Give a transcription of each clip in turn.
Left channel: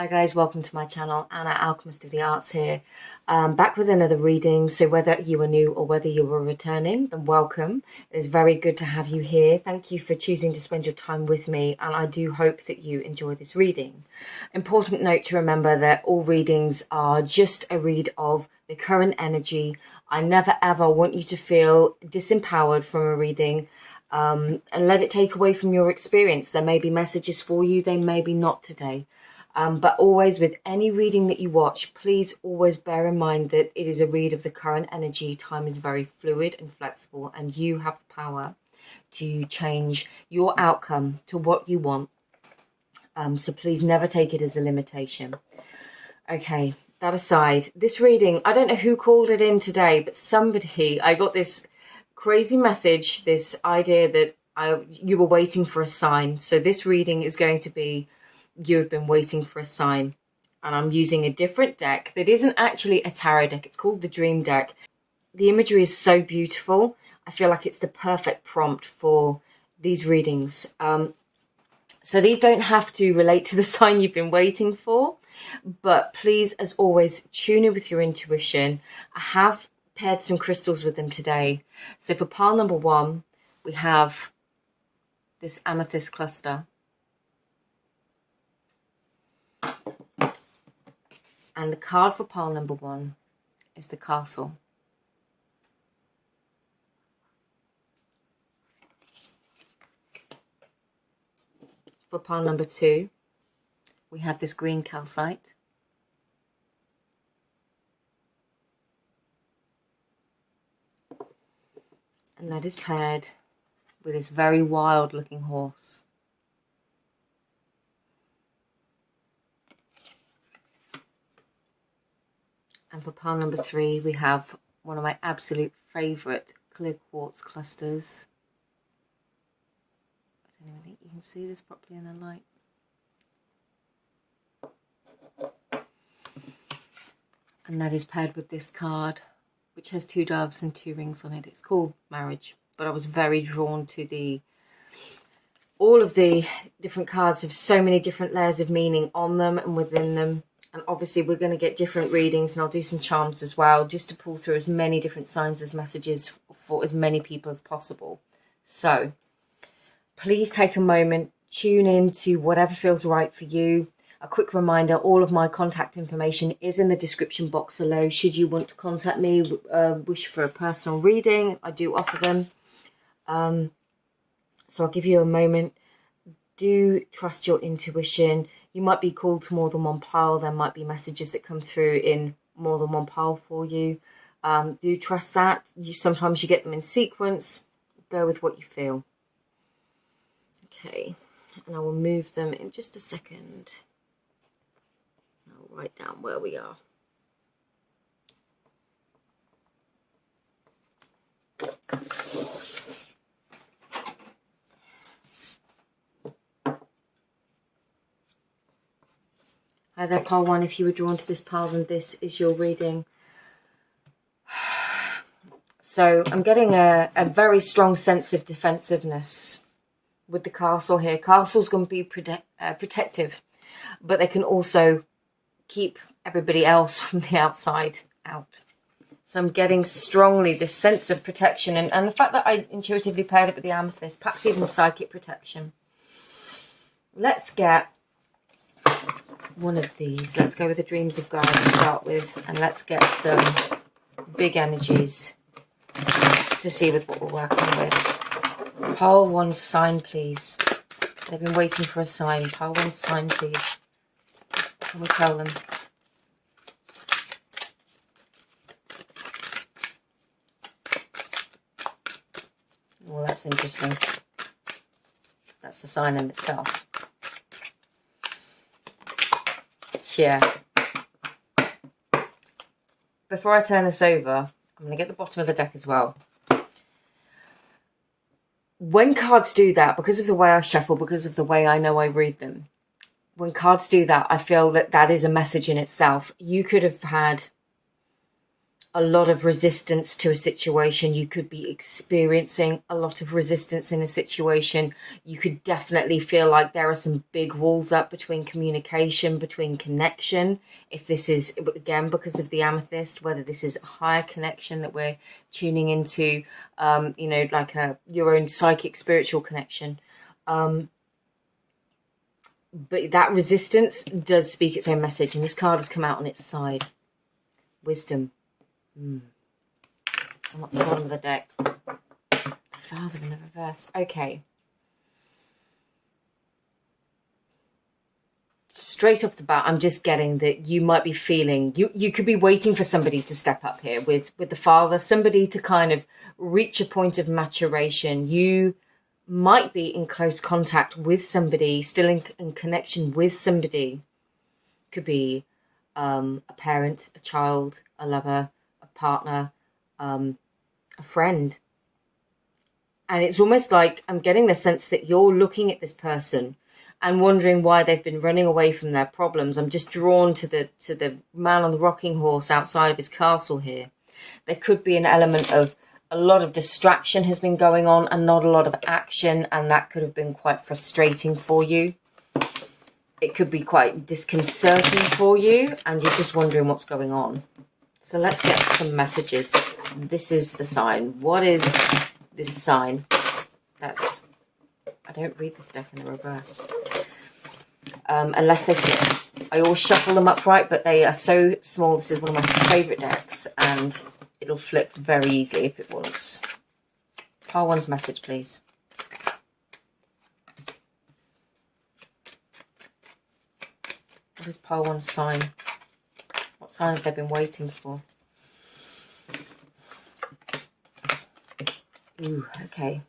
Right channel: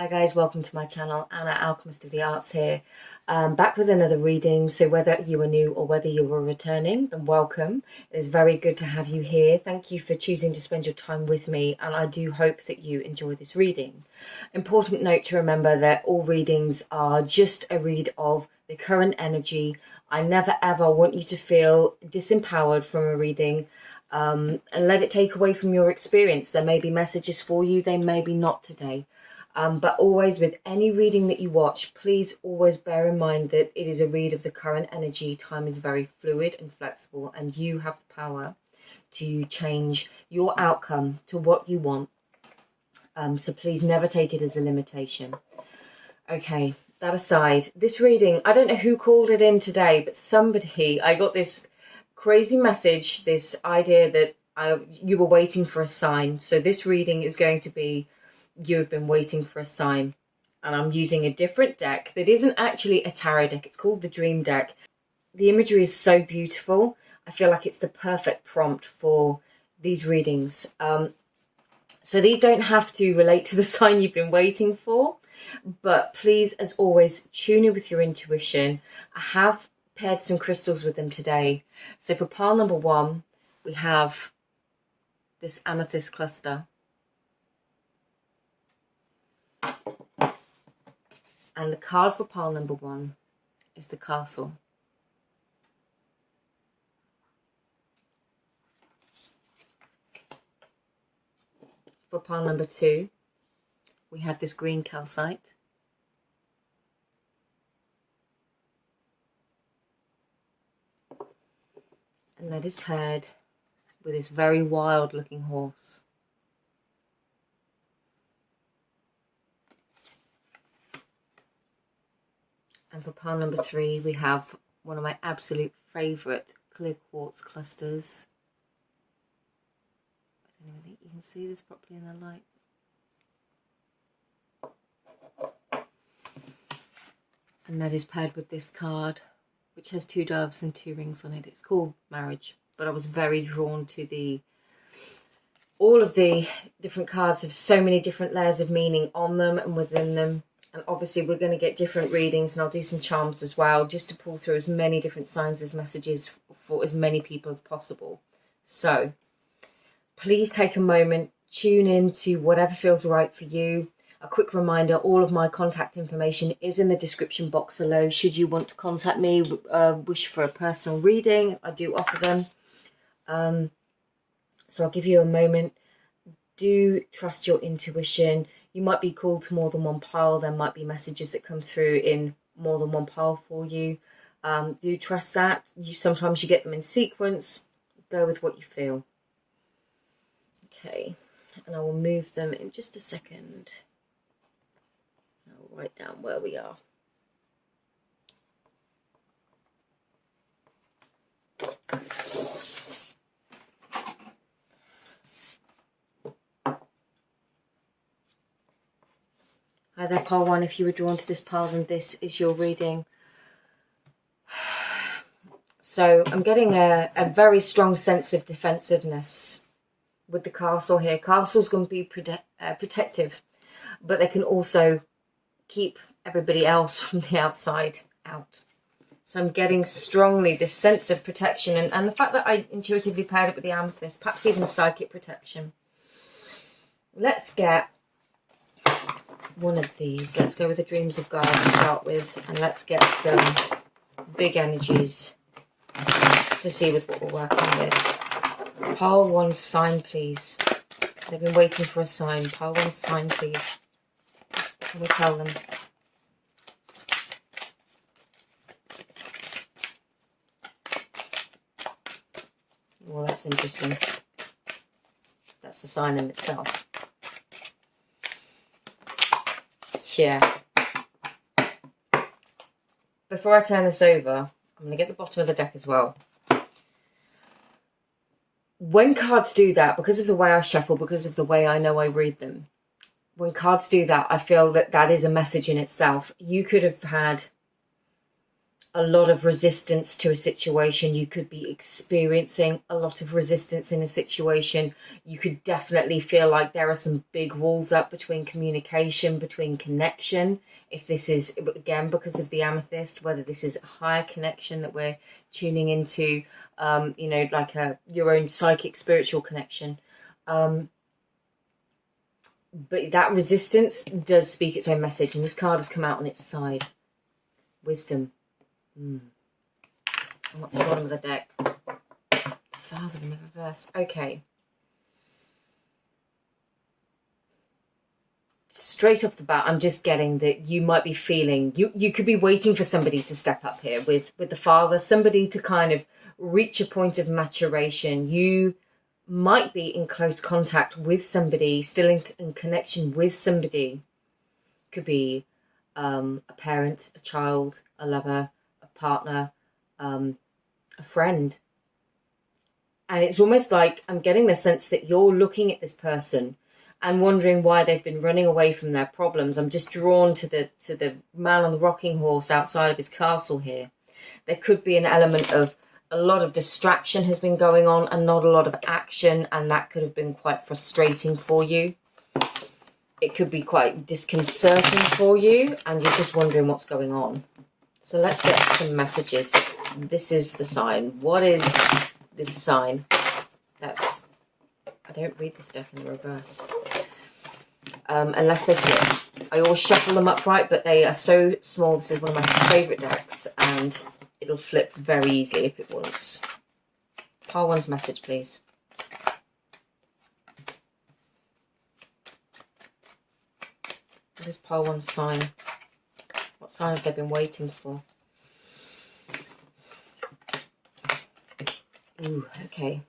Hi guys, welcome to my channel. Anna, Alchemist of the Arts here, back with another reading. So whether you are new or whether you are returning, then welcome. It is very good to have you here. Thank you for choosing to spend your time with me, and I do hope that you enjoy this reading. Important note to remember that all readings are just a read of the current energy. I never ever want you to feel disempowered from a reading and let it take away from your experience. There may be messages for you, they may be not today. But always with any reading that you watch, please always bear in mind that it is a read of the current energy. Time is very fluid and flexible, and you have the power to change your outcome to what you want. So please never take it as a limitation. Okay, that aside, this reading, I don't know who called it in today, but I got this crazy message, this idea that you were waiting for a sign. So this reading is going to be, you have been waiting for a sign, and I'm using a different deck that isn't actually a tarot deck. It's called the Dream Deck. The imagery is so beautiful. I feel like it's the perfect prompt for these readings. So these don't have to relate to the sign you've been waiting for, but please, as always, tune in with your intuition. I have paired some crystals with them today. So for pile number 1, we have this amethyst cluster. And the card for pile number 1 is the castle. For pile number 2, we have this green calcite. And that is paired with this very wild looking horse. And for pile number 3, we have one of my absolute favourite clear quartz clusters. I don't know if you can see this properly in the light. And that is paired with this card, which has 2 doves and 2 rings on it. It's called Marriage, but I was very drawn to all of the different cards have so many different layers of meaning on them and within them. And obviously we're going to get different readings, and I'll do some charms as well, just to pull through as many different signs as messages for as many people as possible. So please take a moment, tune in to whatever feels right for you. A quick reminder, all of my contact information is in the description box below. Should you want to contact me, wish for a personal reading, I do offer them. So I'll give you a moment. Do trust your intuition. You might be called to more than one pile. There might be messages that come through in more than one pile for you. Do trust that. Sometimes you get them in sequence. Go with what you feel. Okay, and I will move them in just a second. I'll write down where we are. Hi there, pile 1. If you were drawn to this pile, then this is your reading. So I'm getting a very strong sense of defensiveness with the castle here. Castle's going to be protective, but they can also keep everybody else from the outside out. So I'm getting strongly this sense of protection, and the fact that I intuitively paired it with the amethyst, perhaps even psychic protection. Let's get one of these. Let's go with the Dreams of God to start with, and let's get some big energies to see with what we're working with. Pile 1, sign please. They've been waiting for a sign. Pile 1, sign please. Can we tell them? Well, that's interesting. That's the sign in itself. Yeah. Before I turn this over, I'm going to get the bottom of the deck as well. When cards do that, because of the way I shuffle, because of the way I know I read them, when cards do that, I feel that that is a message in itself. You could have had a lot of resistance to a situation. You could be experiencing a lot of resistance in a situation. You could definitely feel like there are some big walls up between communication, between connection. If this is, again, because of the amethyst, whether this is a higher connection that we're tuning into, like your own psychic, spiritual connection. But that resistance does speak its own message. And this card has come out on its side. Wisdom. And what's the bottom of the deck? The Father in the reverse. Okay. Straight off the bat, I'm just getting that you might be feeling, you could be waiting for somebody to step up here with the Father, somebody to kind of reach a point of maturation. You might be in close contact with somebody, still in connection with somebody. Could be a parent, a child, a lover, a partner, a friend. And it's almost like I'm getting the sense that you're looking at this person and wondering why they've been running away from their problems. I'm just drawn to the man on the rocking horse outside of his castle here. There could be an element of a lot of distraction has been going on and not a lot of action, and that could have been quite frustrating for you. It could be quite disconcerting for you, and you're just wondering what's going on. So let's get some messages. This is the sign. What is this sign? I don't read this deck in the reverse. Unless they flip. I always shuffle them upright, but they are so small. This is one of my favourite decks, and it'll flip very easily if it wants. Pile one's message, please. What is pile one's sign? What sign have they been waiting for? Ooh, okay.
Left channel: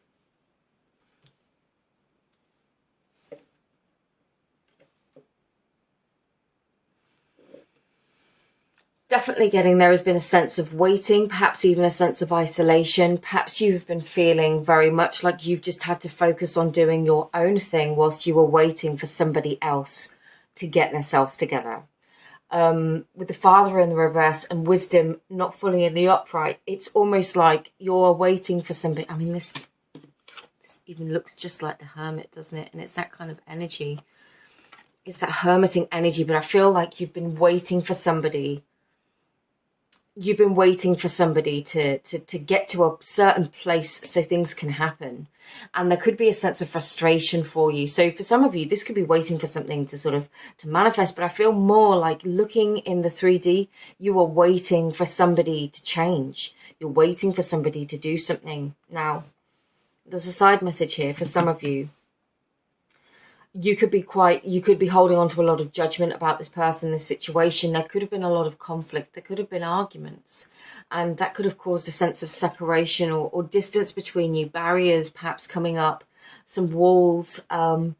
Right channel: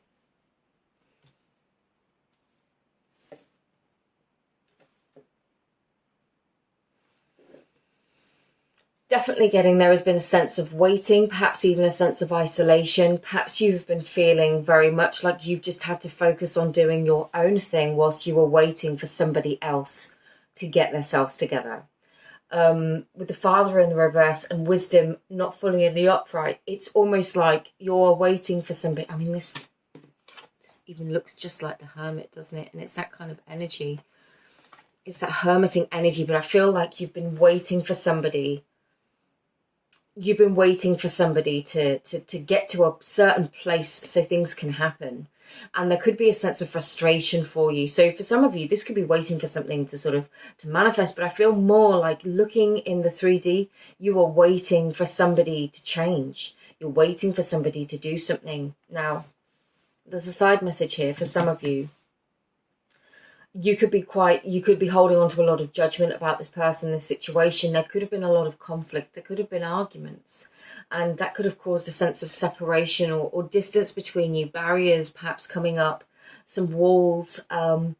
Definitely getting there has been a sense of waiting, perhaps even a sense of isolation. Perhaps you've been feeling very much like you've just had to focus on doing your own thing whilst you were waiting for somebody else to get themselves together. With the Father in the reverse and wisdom not fully in the upright, it's almost like you're waiting for somebody. I mean, this even looks just like the Hermit, doesn't it? And it's that kind of energy. It's that hermiting energy, but I feel like you've been waiting for somebody. You've been waiting for somebody to get to a certain place so things can happen. And there could be a sense of frustration for you. So for some of you, this could be waiting for something to manifest. But I feel more like looking in the 3D, you are waiting for somebody to change. You're waiting for somebody to do something. Now, there's a side message here for some of you. You could be holding on to a lot of judgment about this person, this situation. There could have been a lot of conflict. There could have been arguments. And that could have caused a sense of separation or distance between you, barriers perhaps coming up, some walls. And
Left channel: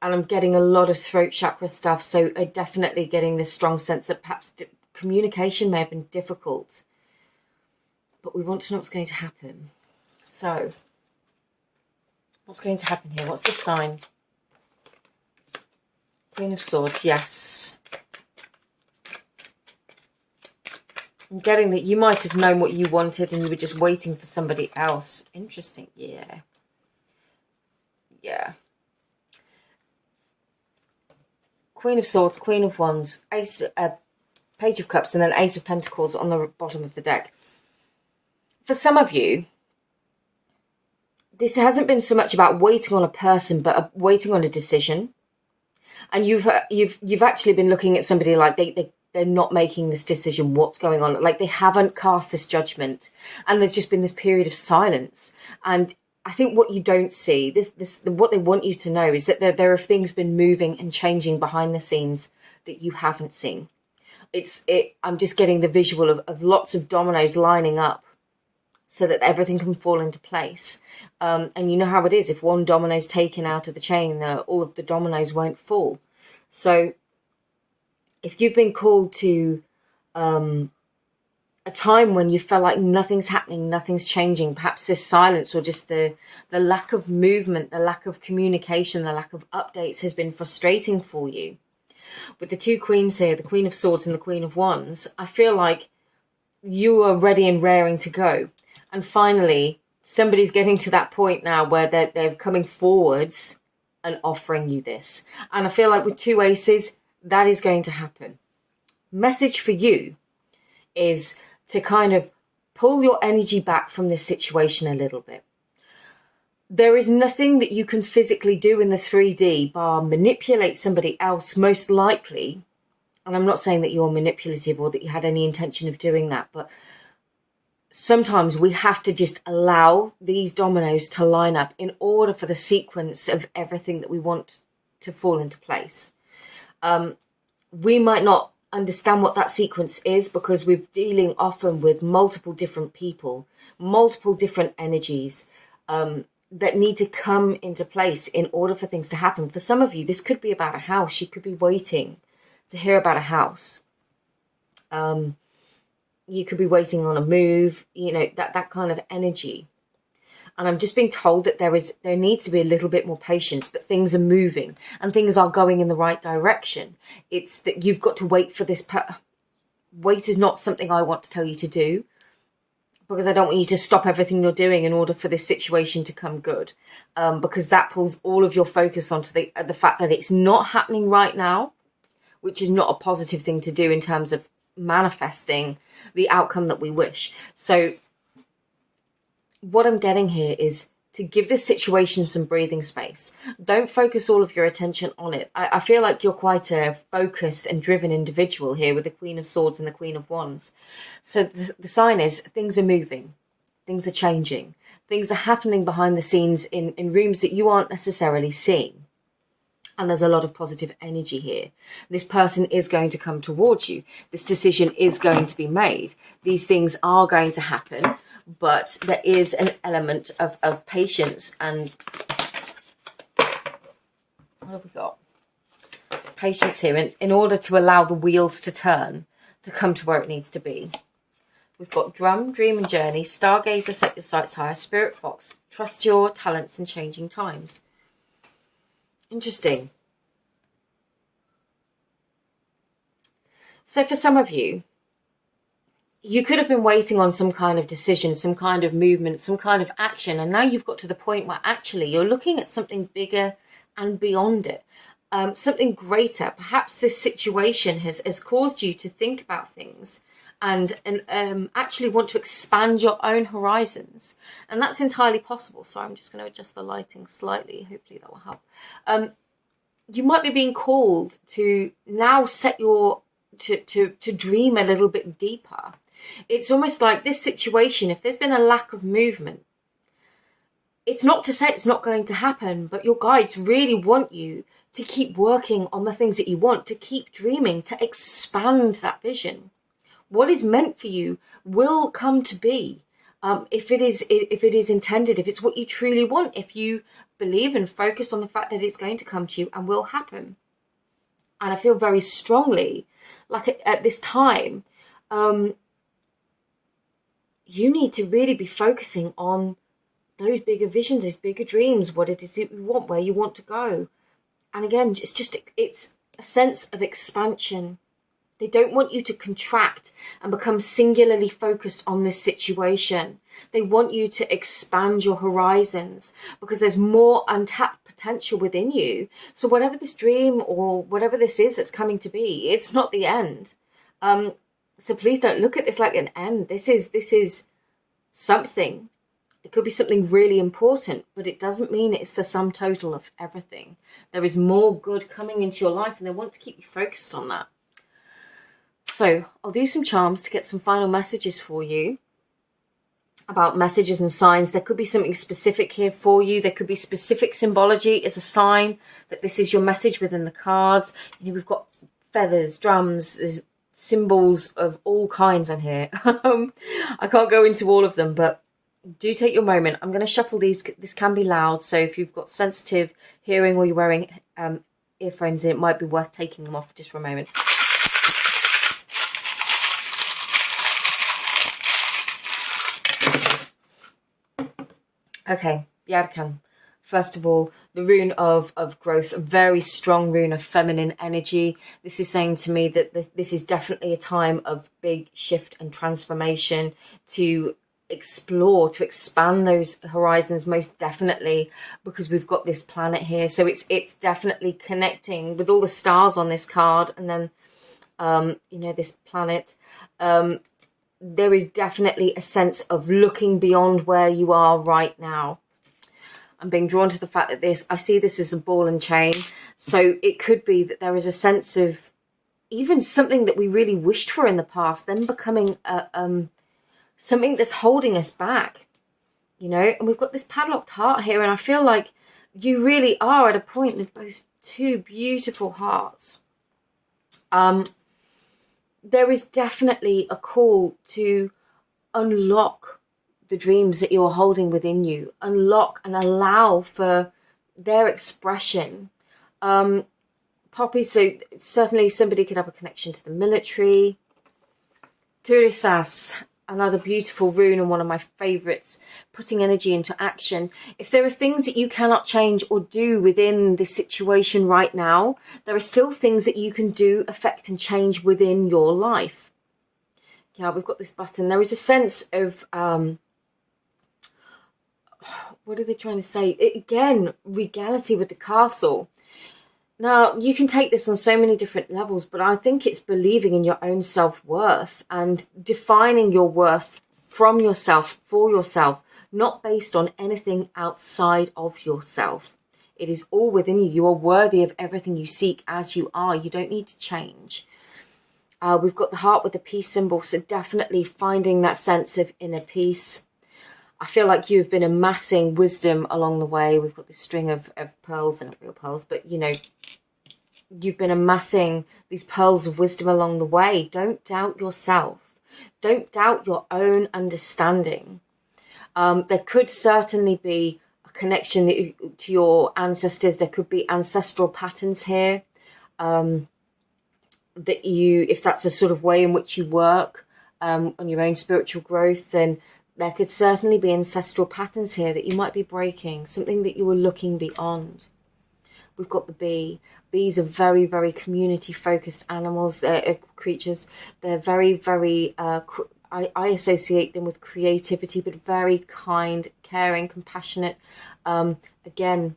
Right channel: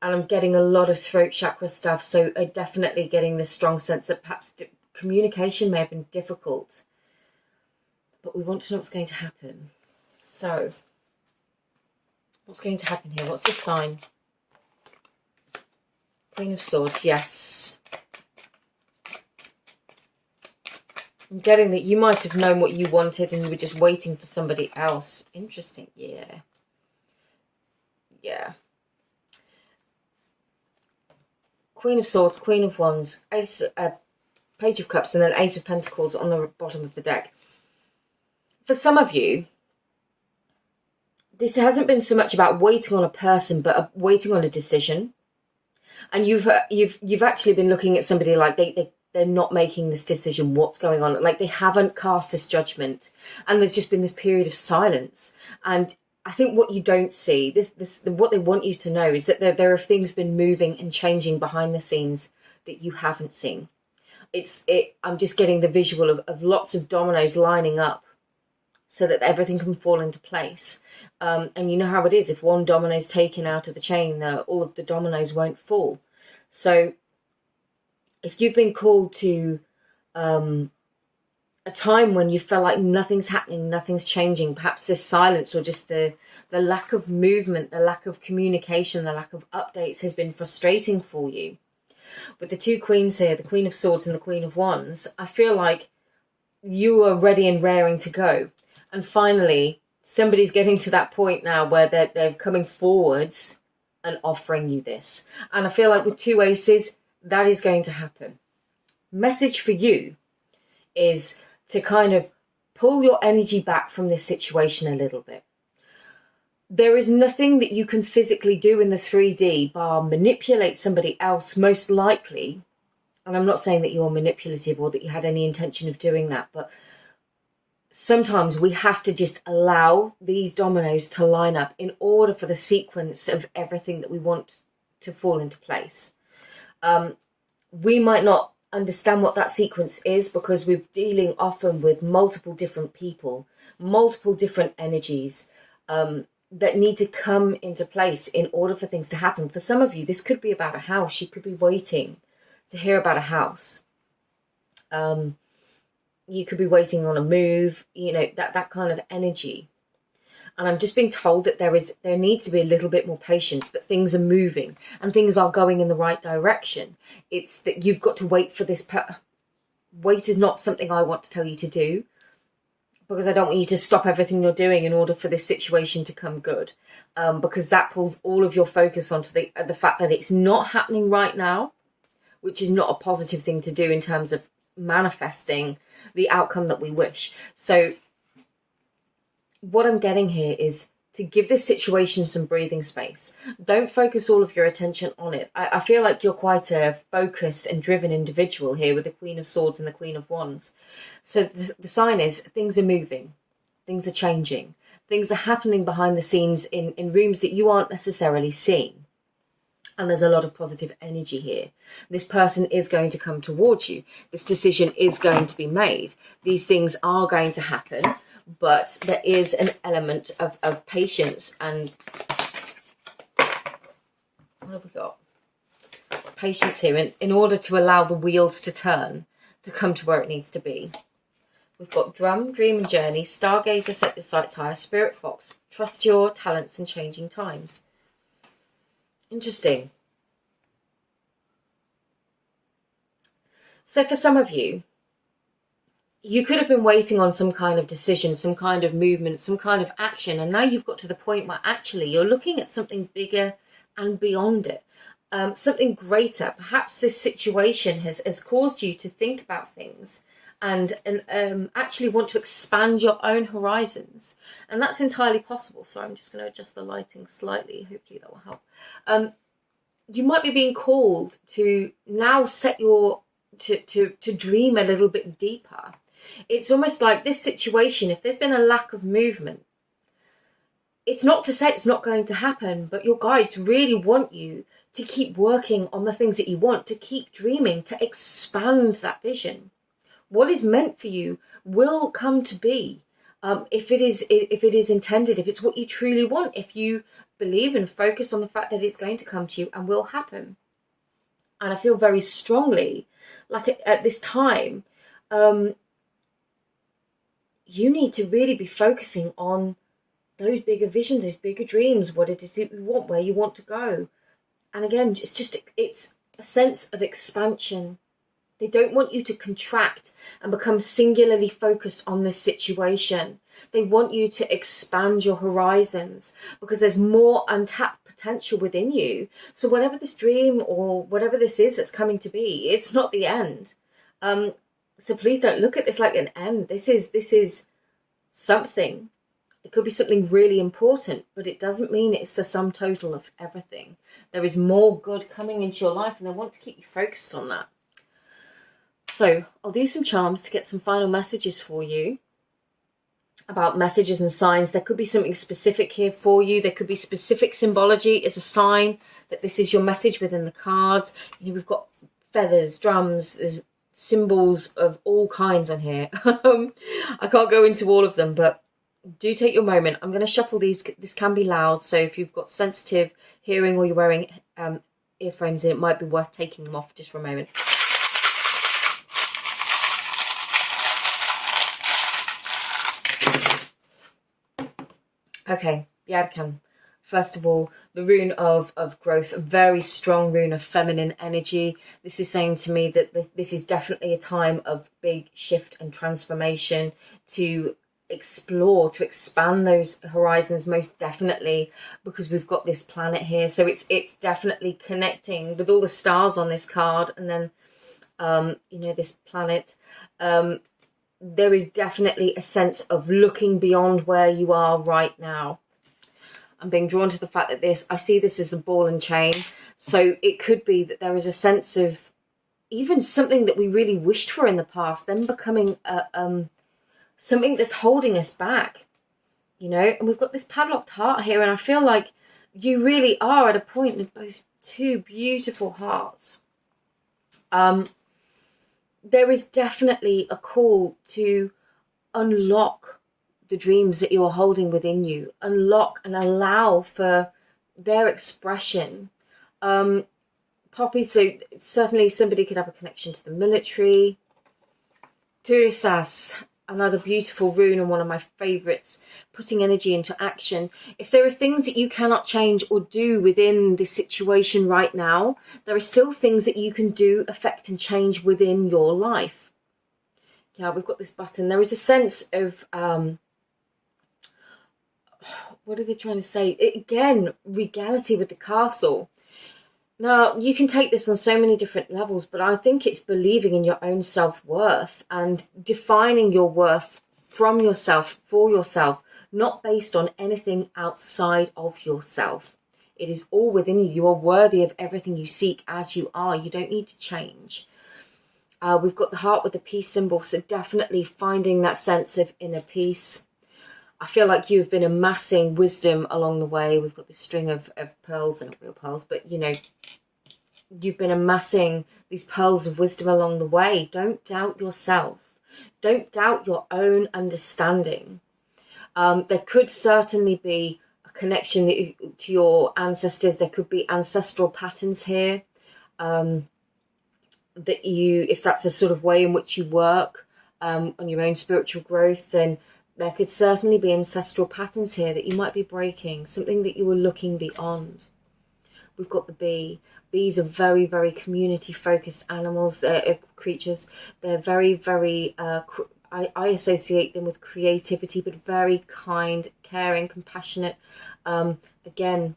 I'm getting a lot of throat chakra stuff. So I'm definitely getting this strong sense that perhaps communication may have been difficult. But we want to know what's going to happen. So what's going to happen here? What's the sign? Queen of Swords, yes. I'm getting that you might have known what you wanted and you were just waiting for somebody else. Interesting, yeah. Yeah. Queen of Swords, Queen of Wands, Page of Cups, and then Ace of Pentacles on the bottom of the deck. For some of you, this hasn't been so much about waiting on a person, but waiting on a decision. And you've actually been looking at somebody like they're not making this decision. What's going on? Like they haven't cast this judgment, and there's just been this period of silence. And I think what you don't see, what they want you to know is that there have things been moving and changing behind the scenes that you haven't seen. I'm just getting the visual of lots of dominoes lining up so that everything can fall into place. And you know how it is. If one domino's taken out of the chain, all of the dominoes won't fall. So if you've been called to a time when you felt like nothing's happening, nothing's changing, perhaps this silence or just the lack of movement, the lack of communication, the lack of updates has been frustrating for you. With the two queens here, the Queen of Swords and the Queen of Wands, I feel like you are ready and raring to go. And finally, somebody's getting to that point now where they're coming forwards and offering you this. And I feel like with 2 aces, that is going to happen. Message for you is to kind of pull your energy back from this situation a little bit. There is nothing that you can physically do in the 3D bar manipulate somebody else, most likely. And I'm not saying that you're manipulative or that you had any intention of doing that, but sometimes we have to just allow these dominoes to line up in order for the sequence of everything that we want to fall into place. We might not understand what that sequence is because we're dealing often with multiple different people, multiple different energies that need to come into place in order for things to happen. For some of you, this could be about a house. You could be waiting to hear about a house. You could be waiting on a move, you know, that kind of energy. And I'm just being told that there needs to be a little bit more patience, but things are moving and things are going in the right direction. It's that you've got to wait for this. Wait is not something I want to tell you to do, because I don't want you to stop everything you're doing in order for this situation to come good. Because that pulls all of your focus onto the fact that it's not happening right now, which is not a positive thing to do in terms of manifesting the outcome that we wish. So what I'm getting here is to give this situation some breathing space. Don't focus all of your attention on it. I feel like you're quite a focused and driven individual here with the Queen of Swords and the Queen of Wands. So the sign is things are moving, things are changing, things are happening behind the scenes in rooms that you aren't necessarily seeing. And there's a lot of positive energy here. This person is going to come towards you. This decision is going to be made. These things are going to happen, but there is an element of patience. And what have we got? Patience here in order to allow the wheels to turn, to come to where it needs to be. We've got drum, dream and journey, stargazer, set your sights higher, spirit fox, trust your talents in changing times. Interesting. So for some of you, you could have been waiting on some kind of decision, some kind of movement, some kind of action. And now you've got to the point where actually you're looking at something bigger and beyond it. Something greater. Perhaps this situation has caused you to think about things and actually want to expand your own horizons. And that's entirely possible. So I'm just going to adjust the lighting slightly. Hopefully that will help. You might be being called to now set your, to dream a little bit deeper. It's almost like this situation, if there's been a lack of movement, it's not to say it's not going to happen, but your guides really want you to keep working on the things that you want, to keep dreaming, to expand that vision. What is meant for you will come to be, if it is intended, if it's what you truly want, if you believe and focus on the fact that it's going to come to you and will happen. And I feel very strongly, like at this time, you need to really be focusing on those bigger visions, those bigger dreams, what it is that you want, where you want to go. And again, it's a sense of expansion. They don't want you to contract and become singularly focused on this situation. They want you to expand your horizons because there's more untapped potential within you. So whatever this dream or whatever this is that's coming to be, it's not the end. So please don't look at this like an end. This is something. It could be something really important, but it doesn't mean it's the sum total of everything. There is more good coming into your life and they want to keep you focused on that. So I'll do some charms to get some final messages for you about messages and signs. There could be something specific here for you. There could be specific symbology as a sign that this is your message within the cards. We've got feathers, drums, there's symbols of all kinds on here. I can't go into all of them, but do take your moment. I'm going to shuffle these. This can be loud, so if you've got sensitive hearing or you're wearing earphones, it might be worth taking them off just for a moment. Okay, Yarkan. First of all, the rune of growth, a very strong rune of feminine energy. This is saying to me that this is definitely a time of big shift and transformation, to explore, to expand those horizons, most definitely, because we've got this planet here. So it's definitely connecting with all the stars on this card, and then you know, this planet. There is definitely a sense of looking beyond where you are right now. I'm being drawn to the fact that I see this as a ball and chain. So it could be that there is a sense of even something that we really wished for in the past, then becoming something that's holding us back, you know. And we've got this padlocked heart here, and I feel like you really are at a point with both two beautiful hearts. There is definitely a call to unlock the dreams that you're holding within you, unlock and allow for their expression. Poppy, so certainly somebody could have a connection to the military. Turisas, another beautiful rune and one of my favorites, putting energy into action. If there are things that you cannot change or do within this situation right now, there are still things that you can do, affect and change within your life. Yeah, we've got this button. There is a sense of what are they trying to say? Again, regality with the castle. Now, you can take this on so many different levels, but I think it's believing in your own self-worth and defining your worth from yourself, for yourself, not based on anything outside of yourself. It is all within you. You are worthy of everything you seek as you are. You don't need to change. We've got the heart with the peace symbol, so definitely finding that sense of inner peace. I feel like you've been amassing wisdom along the way. We've got this string of pearls, they're not real pearls, but you know, you've been amassing these pearls of wisdom along the way. Don't doubt yourself. Don't doubt your own understanding. There could certainly be a connection to your ancestors. There could be ancestral patterns here. That you, if that's a sort of way in which you work on your own spiritual growth, then there could certainly be ancestral patterns here that you might be breaking, something that you were looking beyond. We've got the bee. Bees are very, very community-focused animals, creatures. They're very, very, I associate them with creativity, but very kind, caring, compassionate. Again,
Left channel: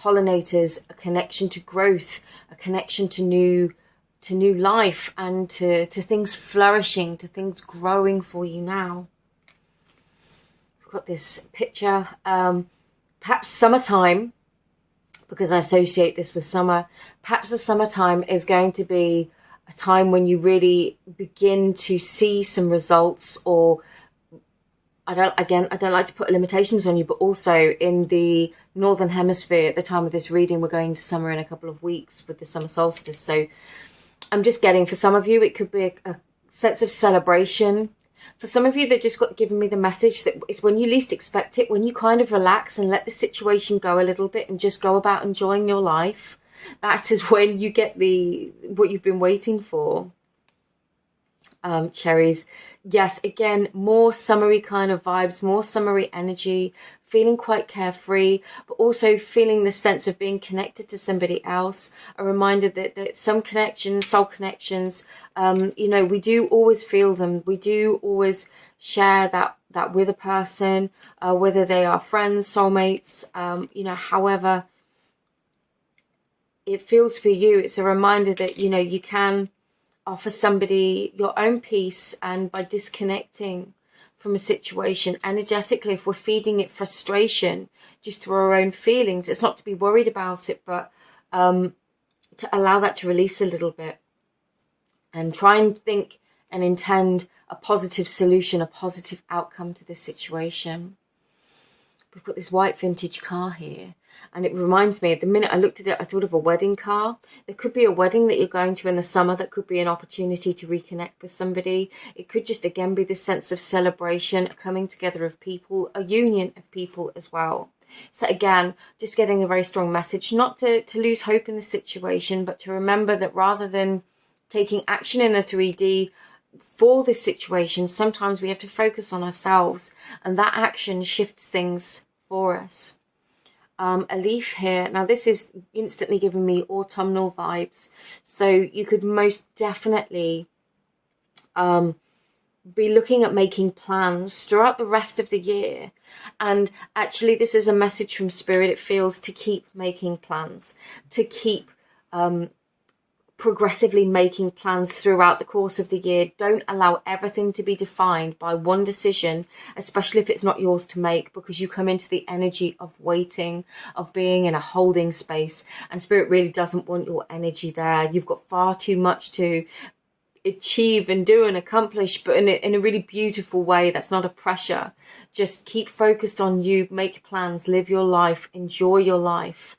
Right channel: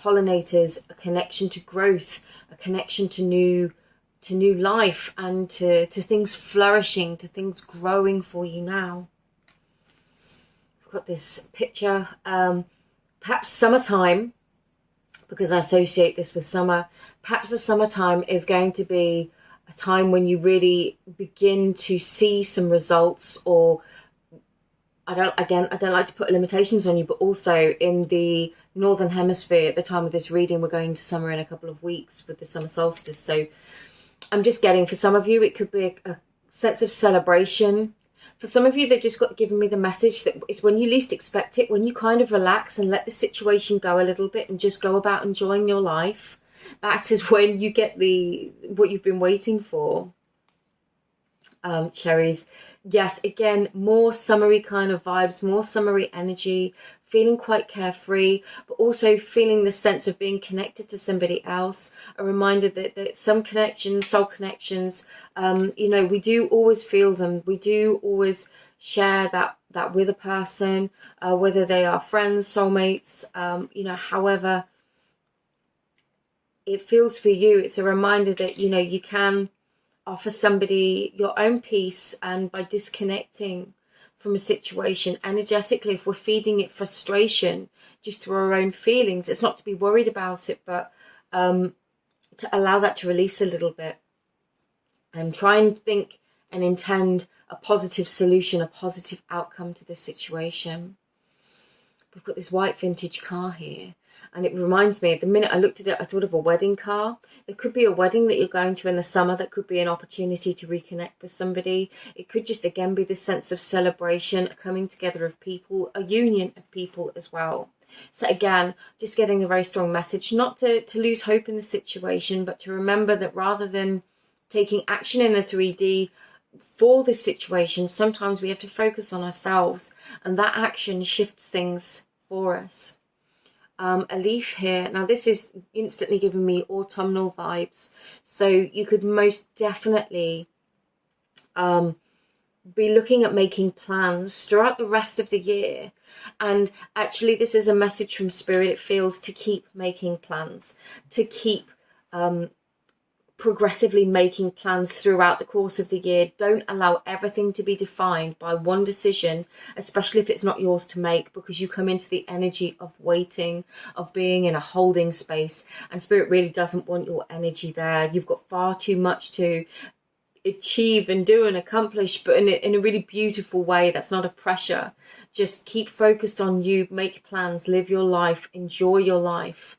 pollinators, a connection to growth, a connection to new life, and to things flourishing, to things growing for you now. We've got this picture, perhaps summertime, because I associate this with summer. Perhaps the summertime is going to be a time when you really begin to see some results, or I don't like to put limitations on you, but also in the Northern Hemisphere, at the time of this reading, we're going to summer in a couple of weeks with the summer solstice. So I'm just getting, for some of you, it could be a sense of celebration. For some of you, they've just got given me the message that it's when you least expect it, when you kind of relax and let the situation go a little bit and just go about enjoying your life. That is when you get what you've been waiting for. Cherries. Yes, again, more summery kind of vibes, more summery energy, feeling quite carefree, but also feeling the sense of being connected to somebody else. A reminder that some connections, soul connections, you know, we do always feel them. We do always share that with a person, whether they are friends, soulmates, you know, however it feels for you. It's a reminder that, you know, you can offer somebody your own peace, and by disconnecting from a situation energetically, if we're feeding it frustration just through our own feelings, it's not to be worried about it, but to allow that to release a little bit and try and think and intend a positive solution, a positive outcome to this situation. We've got this white vintage car here, and it reminds me, at the minute I looked at it, I thought of a wedding car. There could be a wedding that you're going to in the summer that could be an opportunity to reconnect with somebody. It could just, again, be this sense of celebration, a coming together of people, a union of people as well. So again, just getting a very strong message, not to lose hope in the situation, but to remember that rather than taking action in the 3D for this situation, sometimes we have to focus on ourselves, and that action shifts things for us. a leaf here. Now this is instantly giving me autumnal vibes, so you could most definitely be looking at making plans throughout the rest of the year. And actually, this is a message from Spirit, it feels, to keep making plans, to keep progressively making plans throughout the course of the year. Don't allow everything to be defined by one decision, especially if it's not yours to make, because you come into the energy of waiting, of being in a holding space, and Spirit really doesn't want your energy there. You've got far too much to achieve and do and accomplish, but in a really beautiful way. That's not a pressure. Just keep focused on you, make plans, live your life, enjoy your life.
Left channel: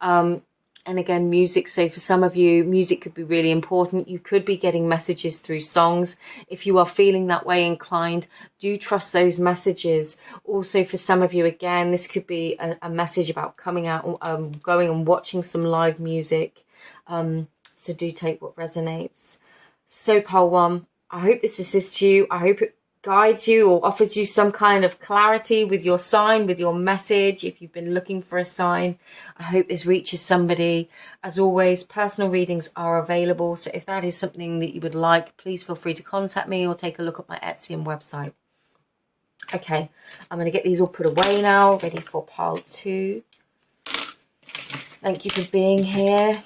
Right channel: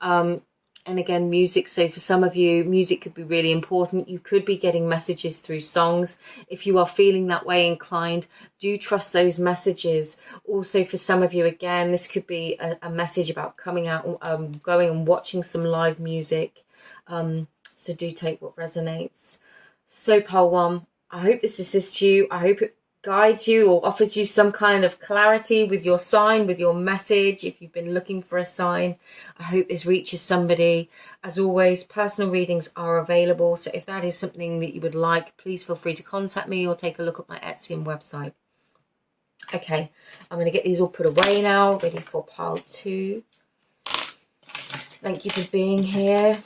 And again, music. So for some of you, music could be really important. You could be getting messages through songs. If you are feeling that way inclined, do trust those messages. Also, for some of you, again, this could be a message about coming out, going and watching some live music. So do take what resonates. So pile 1, I hope this assists you. I hope it guides you or offers you some kind of clarity with your sign, with your message. If you've been looking for a sign, I hope this reaches somebody. As always, personal readings are available. So if that is something that you would like, please feel free to contact me or take a look at my Etsy and website. Okay, I'm going to get these all put away now, ready for pile 2. Thank you for being here.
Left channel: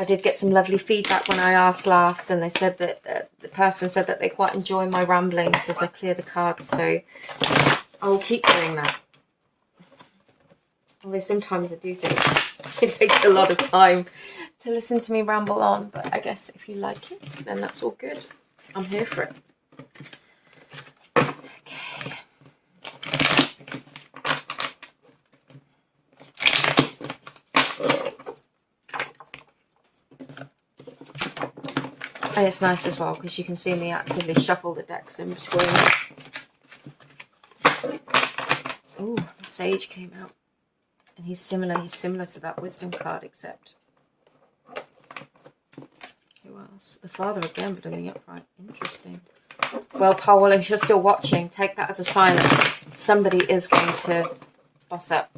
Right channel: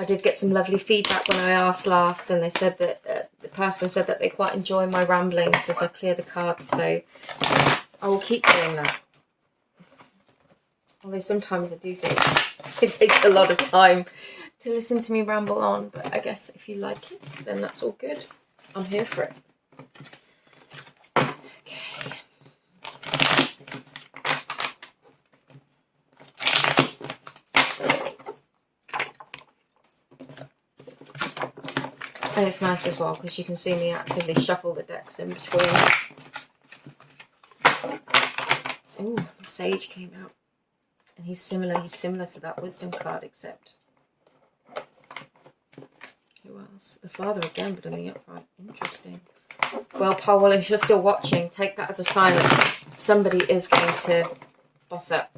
I did get some lovely feedback when I asked last, and they said that the person said that they quite enjoy my ramblings as I clear the cards, so I will keep doing that. Although sometimes I do think it takes a lot of time to listen to me ramble on, but I guess if you like it, then that's all good. I'm here for it. Okay. And it's nice as well because you can see me actively shuffle the decks in between. Oh, the Sage came out. And he's similar to that Wisdom card, except... Who else? The Father again, but in the upright. Interesting. Well, Powell, if you're still watching, take that as a sign that somebody is going to boss up.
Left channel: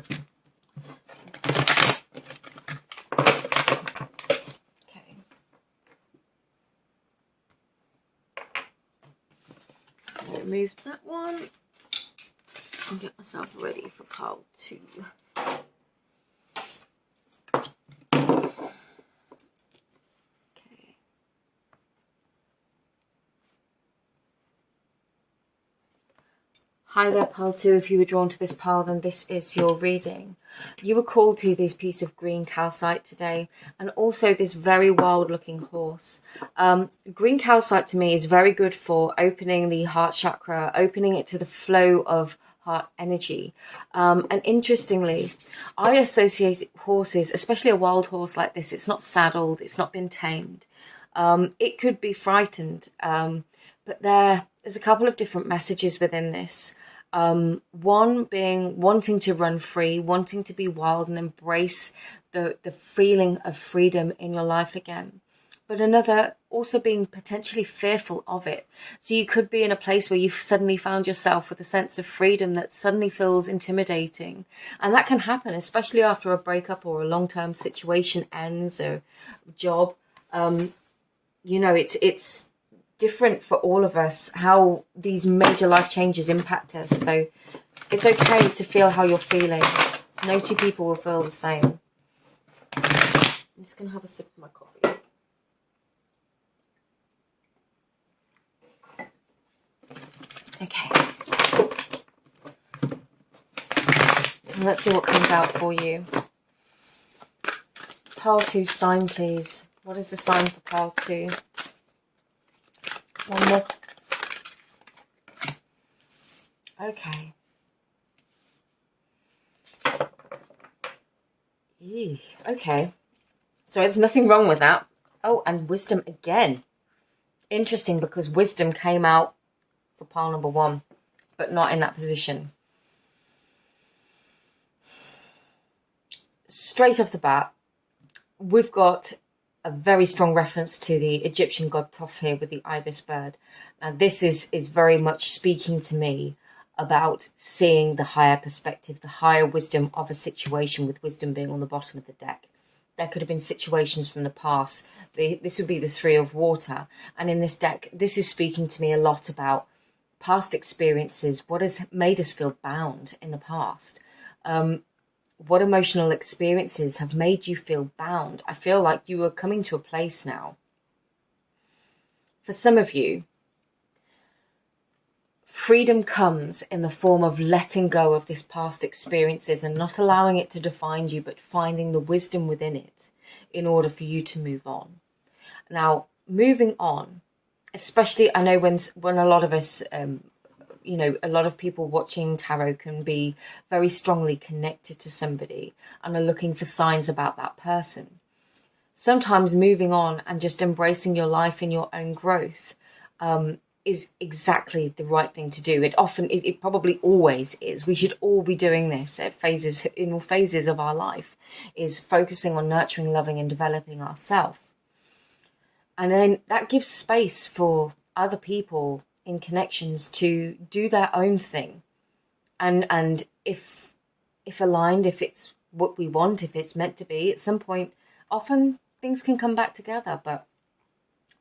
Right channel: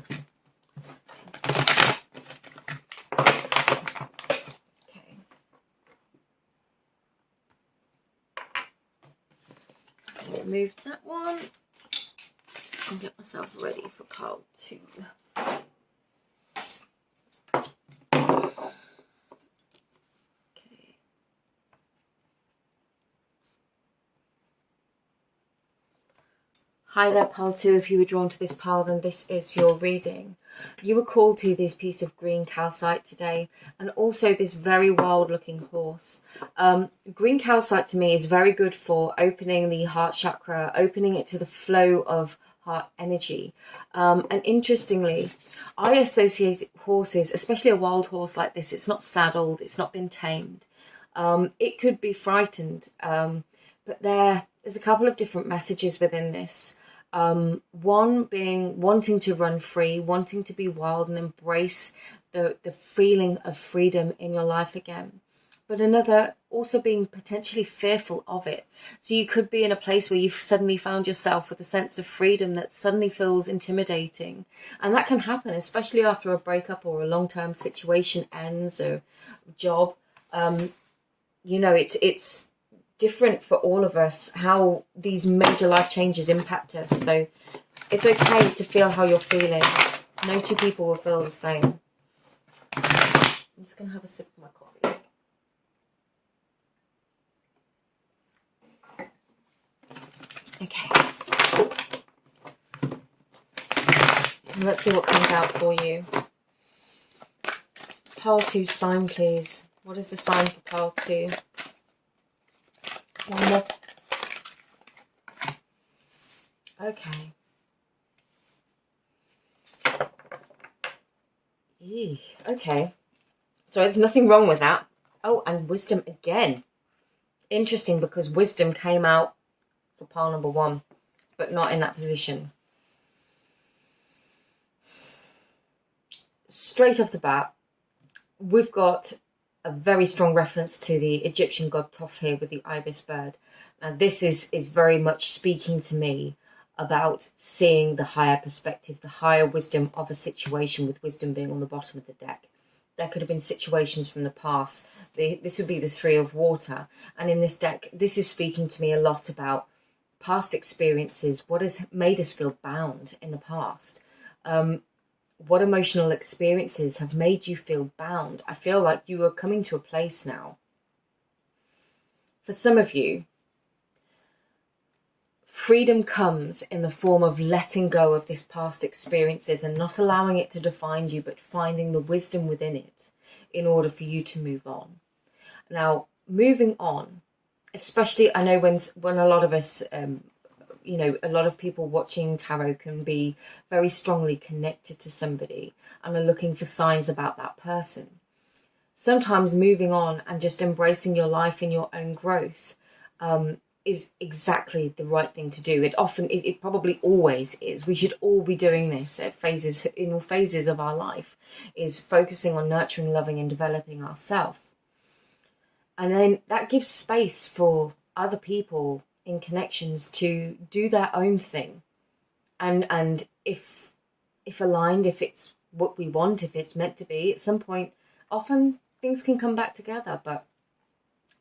Remove that one and get myself ready for pile 2. Okay. Hi there, pile 2. If you were drawn to this pile, then this is your reading. You were called to this piece of green calcite today, and also this very wild looking horse. Green calcite to me is very good for opening the heart chakra, opening it to the flow of heart energy. And interestingly, I associate horses, especially a wild horse like this, it's not saddled, it's not been tamed. It could be frightened, but there's a couple of different messages within this. One being wanting to run free, wanting to be wild and embrace the feeling of freedom in your life again. But another also being potentially fearful of it. So you could be in a place where you've suddenly found yourself with a sense of freedom that suddenly feels intimidating. And that can happen, especially after a breakup or a long-term situation ends or job. You know, it's different for all of us how these major life changes impact us, so it's okay to feel how you're feeling. No two people will feel the same. I'm just gonna have a sip of my coffee. Okay, let's see what comes out for you. Pile 2 sign, please. What is the sign for pile 2? One more. Okay. Eee, okay. So there's nothing wrong with that. Oh, and wisdom again. Interesting, because wisdom came out for pile number 1, but not in that position. Straight off the bat, we've got a very strong reference to the Egyptian god Thoth here with the ibis bird. Now this is very much speaking to me about seeing the higher perspective, the higher wisdom of a situation, with wisdom being on the bottom of the deck. There could have been situations from the past. This would be the Three of Water. And in this deck, this is speaking to me a lot about past experiences, what has made us feel bound in the past. What emotional experiences have made you feel bound? I feel like you are coming to a place now. For some of you, freedom comes in the form of letting go of this past experiences and not allowing it to define you, but finding the wisdom within it in order for you to move on. Now, moving on, especially, I know when a lot of us, a lot of people watching tarot can be very strongly connected to somebody and are looking for signs about that person. Sometimes moving on and just embracing your life and your own growth is exactly the right thing to do. It probably always is. We should all be doing this in all phases of our life, is focusing on nurturing, loving and developing ourselves. And then that gives space for other people in connections to do their own thing. And if aligned, if it's what we want, if it's meant to be, at some point, often things can come back together. But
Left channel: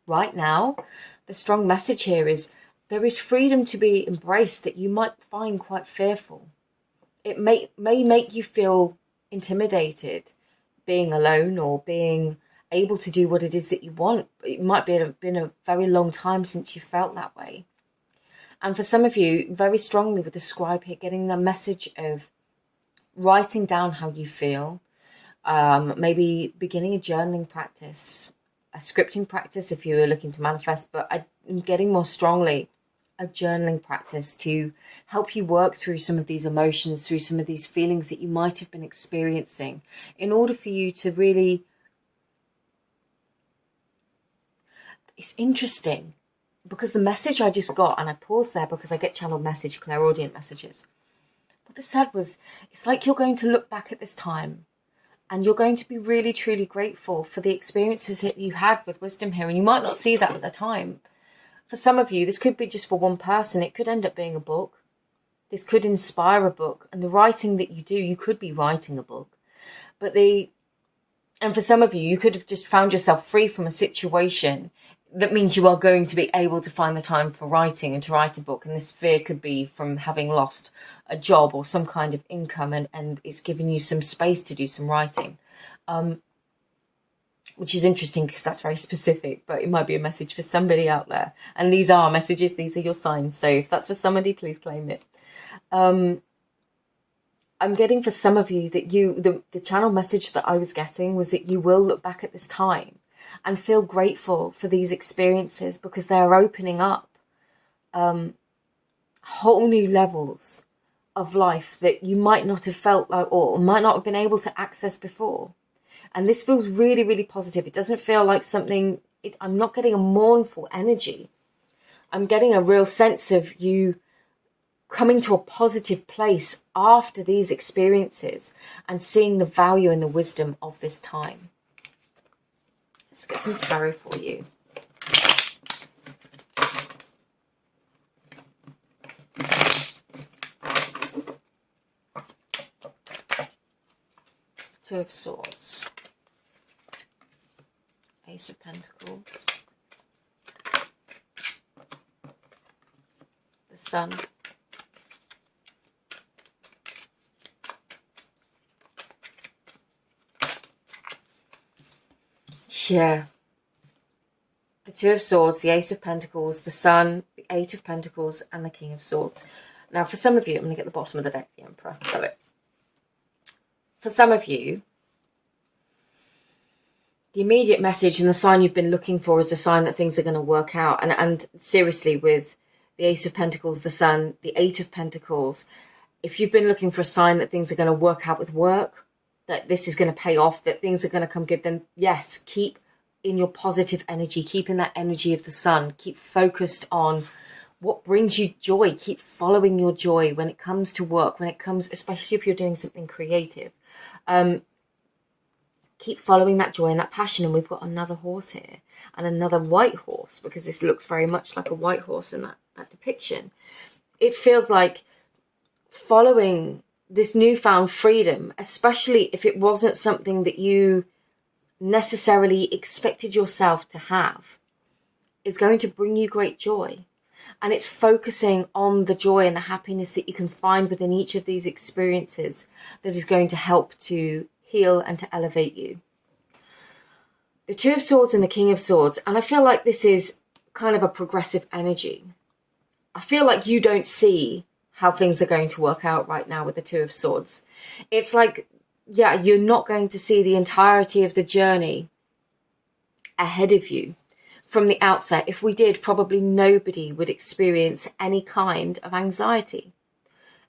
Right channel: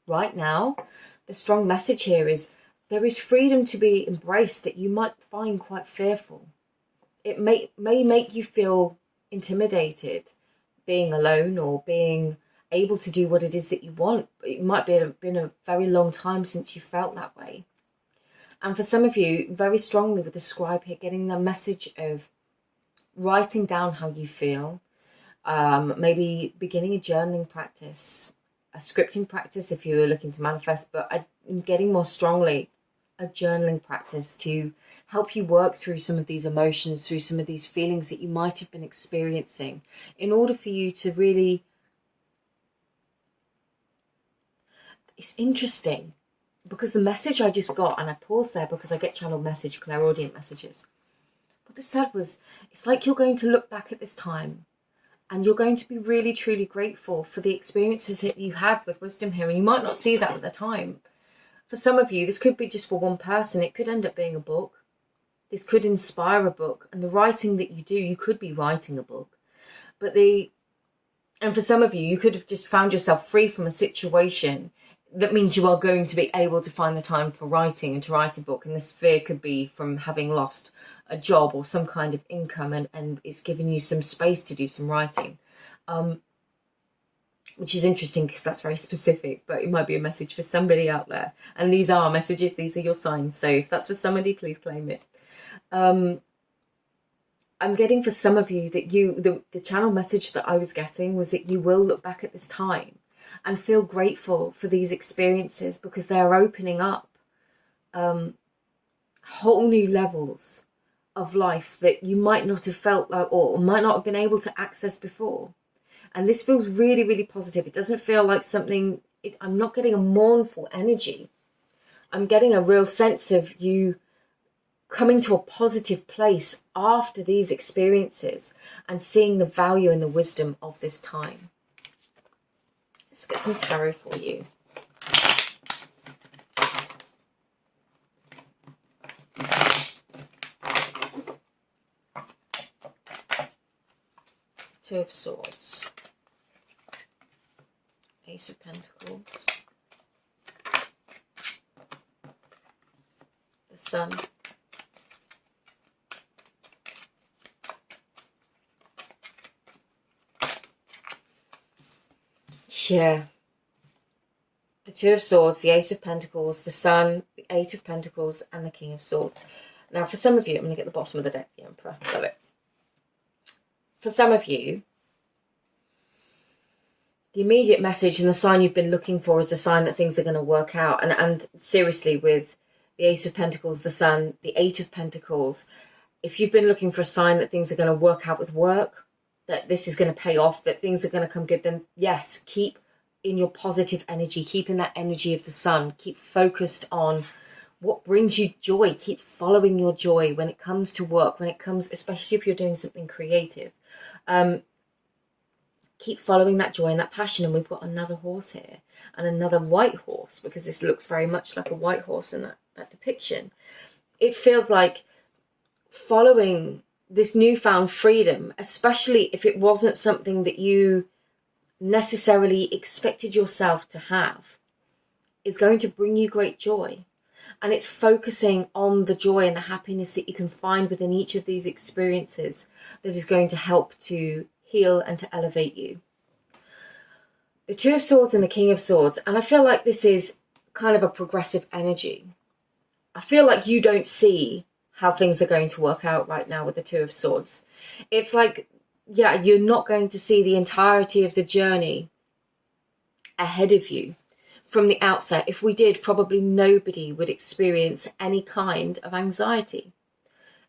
right now, the strong message here is there is freedom to be embraced that you might find quite fearful. It may make you feel intimidated being alone or being able to do what it is that you want. It might been a very long time since you felt that way. And for some of you, very strongly with the scribe here, getting the message of writing down how you feel, maybe beginning a journaling practice, a scripting practice if you were looking to manifest, but I'm getting more strongly a journaling practice to help you work through some of these emotions, through some of these feelings that you might have been experiencing, in order for you to really... It's interesting because the message I just got, and I paused there because I get channeled message, clairaudient messages. What they said was, it's like you're going to look back at this time and you're going to be really, truly grateful for the experiences that you had with wisdom here. And you might not see that at the time. For some of you, this could be just for one person. It could end up being a book. This could inspire a book. And the writing that you do, you could be writing a book. And for some of you, you could have just found yourself free from a situation. That means you are going to be able to find the time for writing and to write a book. And this fear could be from having lost a job or some kind of income, and it's giving you some space to do some writing, which is interesting because that's very specific, but it might be a message for somebody out there. And these are messages, these are your signs. So if that's for somebody, please claim it. I'm getting for some of you that the channel message that I was getting was that you will look back at this time and feel grateful for these experiences because they are opening up whole new levels of life that you might not have felt like or might not have been able to access before. And this feels really, really positive. It doesn't feel like something... I'm not getting a mournful energy. I'm getting a real sense of you coming to a positive place after these experiences and seeing the value and the wisdom of this time. Let's get some tarot for you. Two of Swords. Ace of Pentacles. The Sun. Yeah. The Two of Swords, the Ace of Pentacles, the Sun, the Eight of Pentacles, and the King of Swords. Now, for some of you, I'm going to get the bottom of the deck, the Emperor. Love it. For some of you, the immediate message and the sign you've been looking for is a sign that things are going to work out. And seriously, with the Ace of Pentacles, the Sun, the Eight of Pentacles, if you've been looking for a sign that things are going to work out with work, that this is going to pay off, that things are going to come good, then yes, keep in your positive energy, keep in that energy of the sun, keep focused on what brings you joy, keep following your joy when it comes to work, when it comes, especially if you're doing something creative. Keep following that joy and that passion. And we've got another horse here and another white horse, because this looks very much like a white horse in that depiction. It feels like following this newfound freedom, especially if it wasn't something that you necessarily expected yourself to have, is going to bring you great joy. And it's focusing on the joy and the happiness that you can find within each of these experiences that is going to help to heal and to elevate you. The Two of Swords and the King of Swords, and I feel like this is kind of a progressive energy. I feel like you don't see how things are going to work out right now with the Two of Swords. It's like, yeah, you're not going to see the entirety of the journey ahead of you from the outset. If we did, probably nobody would experience any kind of anxiety,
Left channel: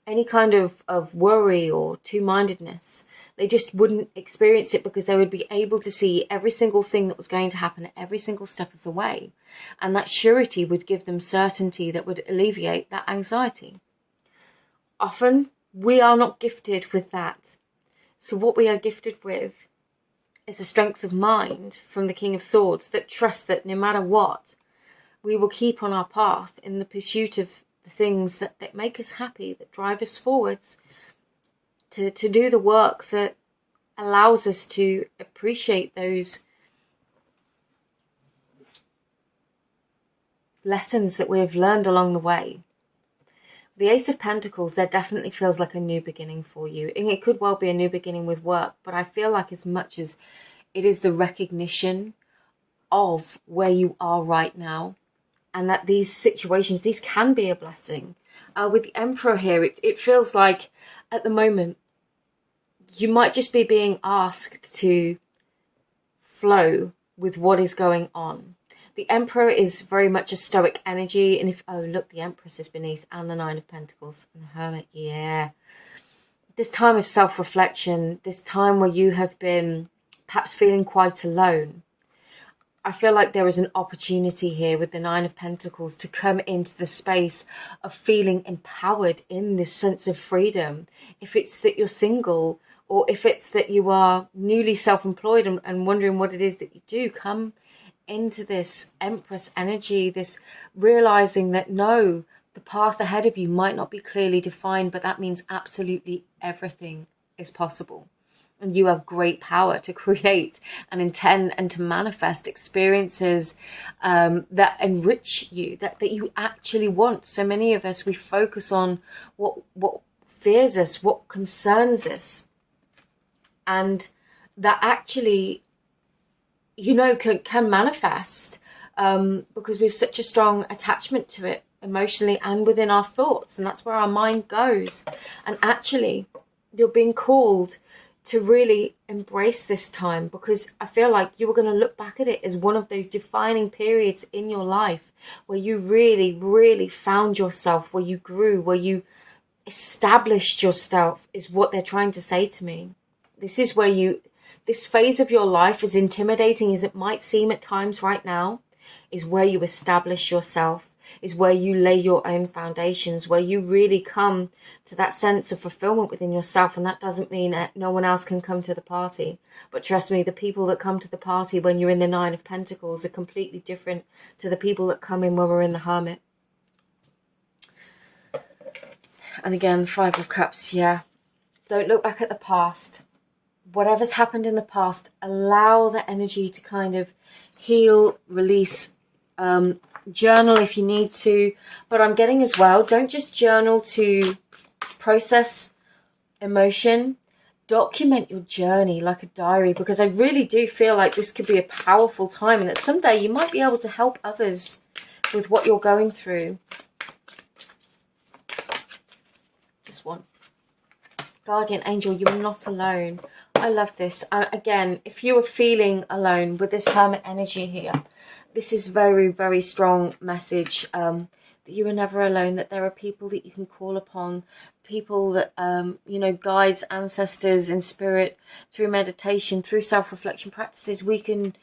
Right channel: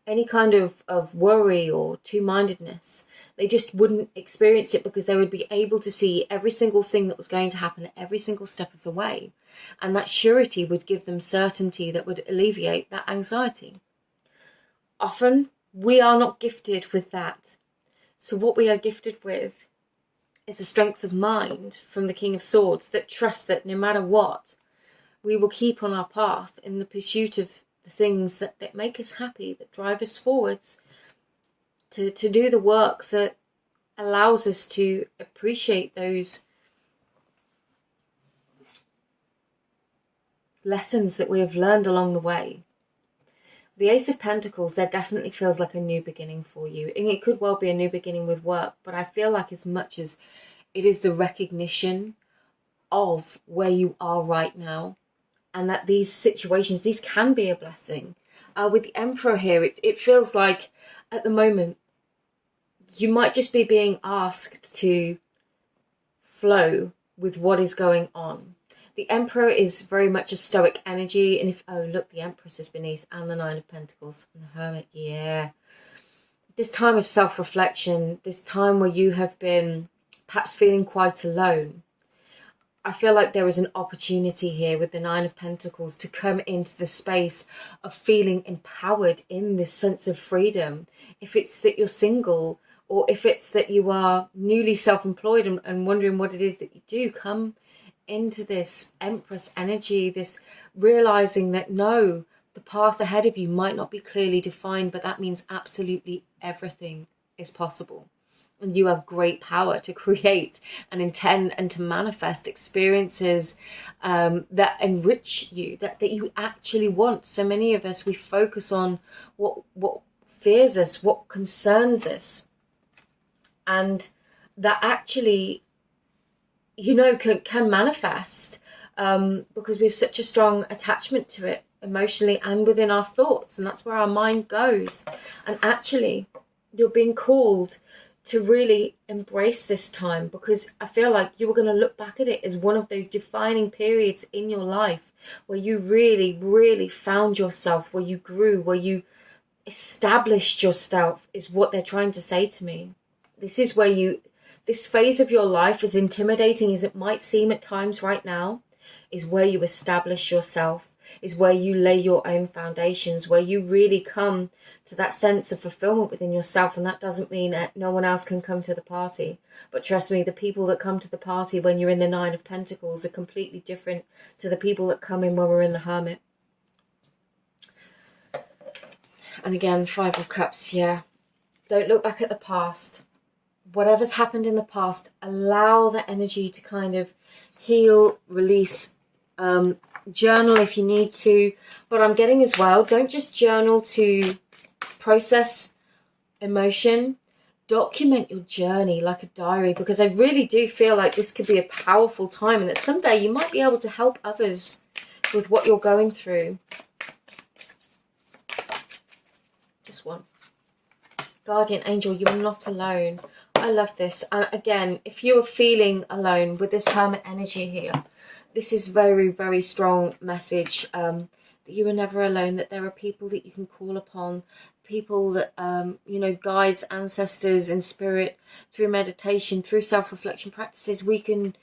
any kind of worry or two-mindedness. They just wouldn't experience it because they would be able to see every single thing that was going to happen at every single step of the way. And that surety would give them certainty that would alleviate that anxiety. Often, we are not gifted with that. So what we are gifted with is a strength of mind from the King of Swords that trusts that no matter what, we will keep on our path in the pursuit of the things that make us happy, that drive us forwards, to do the work that allows us to appreciate those lessons that we have learned along the way. The Ace of Pentacles, there definitely feels like a new beginning for you. And it could well be a new beginning with work, but I feel like as much as it is the recognition of where you are right now, and that these situations, these can be a blessing. With the Emperor here, it feels like at the moment, you might just be being asked to flow with what is going on. The Emperor is very much a stoic energy. And if, oh, look, the Empress is beneath, and the Nine of Pentacles and the Hermit. Yeah. This time of self-reflection, this time where you have been perhaps feeling quite alone. I feel like there is an opportunity here with the Nine of Pentacles to come into the space of feeling empowered in this sense of freedom. If it's that you're single, or if it's that you are newly self-employed and wondering what it is that you do, come into this Empress energy, this realizing that no, the path ahead of you might not be clearly defined, but that means absolutely everything is possible. And you have great power to create and intend and to manifest experiences that enrich you, that you actually want. So many of us, we focus on what fears us, what concerns us. And that actually, you know, can manifest because we have such a strong attachment to it emotionally and within our thoughts. And that's where our mind goes. And actually, you're being called to really embrace this time, because I feel like you were going to look back at it as one of those defining periods in your life where you really, really found yourself, where you grew, where you established yourself, is what they're trying to say to me. This is where this phase of your life, as intimidating as it might seem at times right now, is where you establish yourself, is where you lay your own foundations, where you really come to that sense of fulfillment within yourself. And that doesn't mean that no one else can come to the party. But trust me, the people that come to the party when you're in the Nine of Pentacles are completely different to the people that come in when we're in the Hermit. And again, Five of Cups, yeah. Don't look back at the past. Whatever's happened in the past, allow the energy to kind of heal, release, journal if you need to. But I'm getting as well, don't just journal to process emotion. Document your journey like a diary, because I really do feel like this could be a powerful time, and that someday you might be able to help others with what you're going through. Just one. Guardian angel, you are not alone. I love this. And again, if you are feeling alone with this Hermit energy here, this is very, very strong message that you are never alone, that there are people that you can call upon, people that, you know, guides, ancestors in spirit, through meditation, through self-reflection practices, we can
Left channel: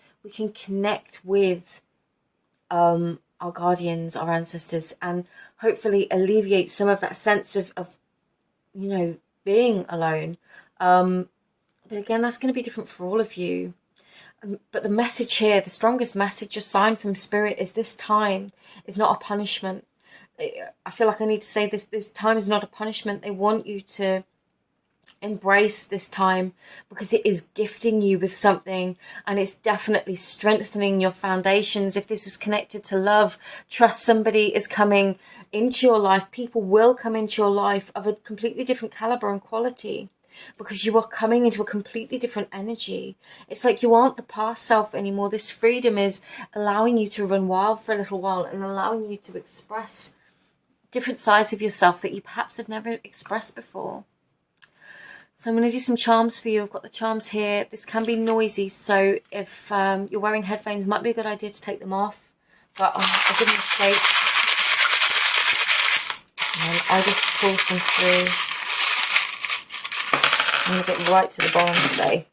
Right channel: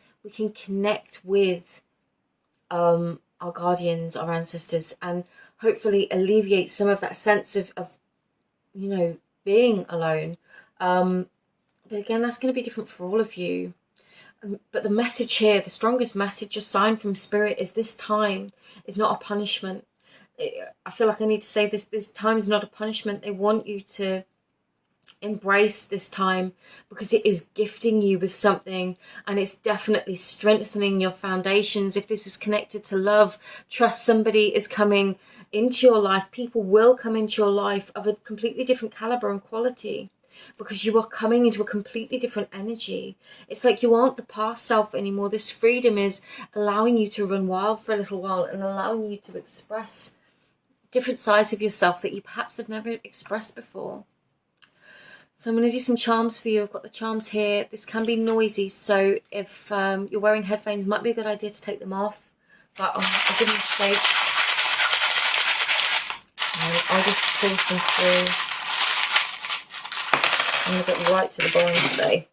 connect with our guardians, our ancestors, and hopefully alleviate some of that sense of you know, being alone. But again, that's going to be different for all of you. But the message here, the strongest message or sign from Spirit, is this time is not a punishment. I feel like I need to say this time is not a punishment. They want you to embrace this time because it is gifting you with something, and it's definitely strengthening your foundations. If this is connected to love, trust, somebody is coming into your life. People will come into your life of a completely different caliber and quality, because you are coming into a completely different energy. It's like you aren't the past self anymore. This freedom is allowing you to run wild for a little while and allowing you to express different sides of yourself that you perhaps have never expressed before. So I'm going to do some charms for you. I've got the charms here. This can be noisy, so if you're wearing headphones, it might be a good idea to take them off. But I'll give them a shake. And I'll just pull some through. I'm going to get right to the bottom today.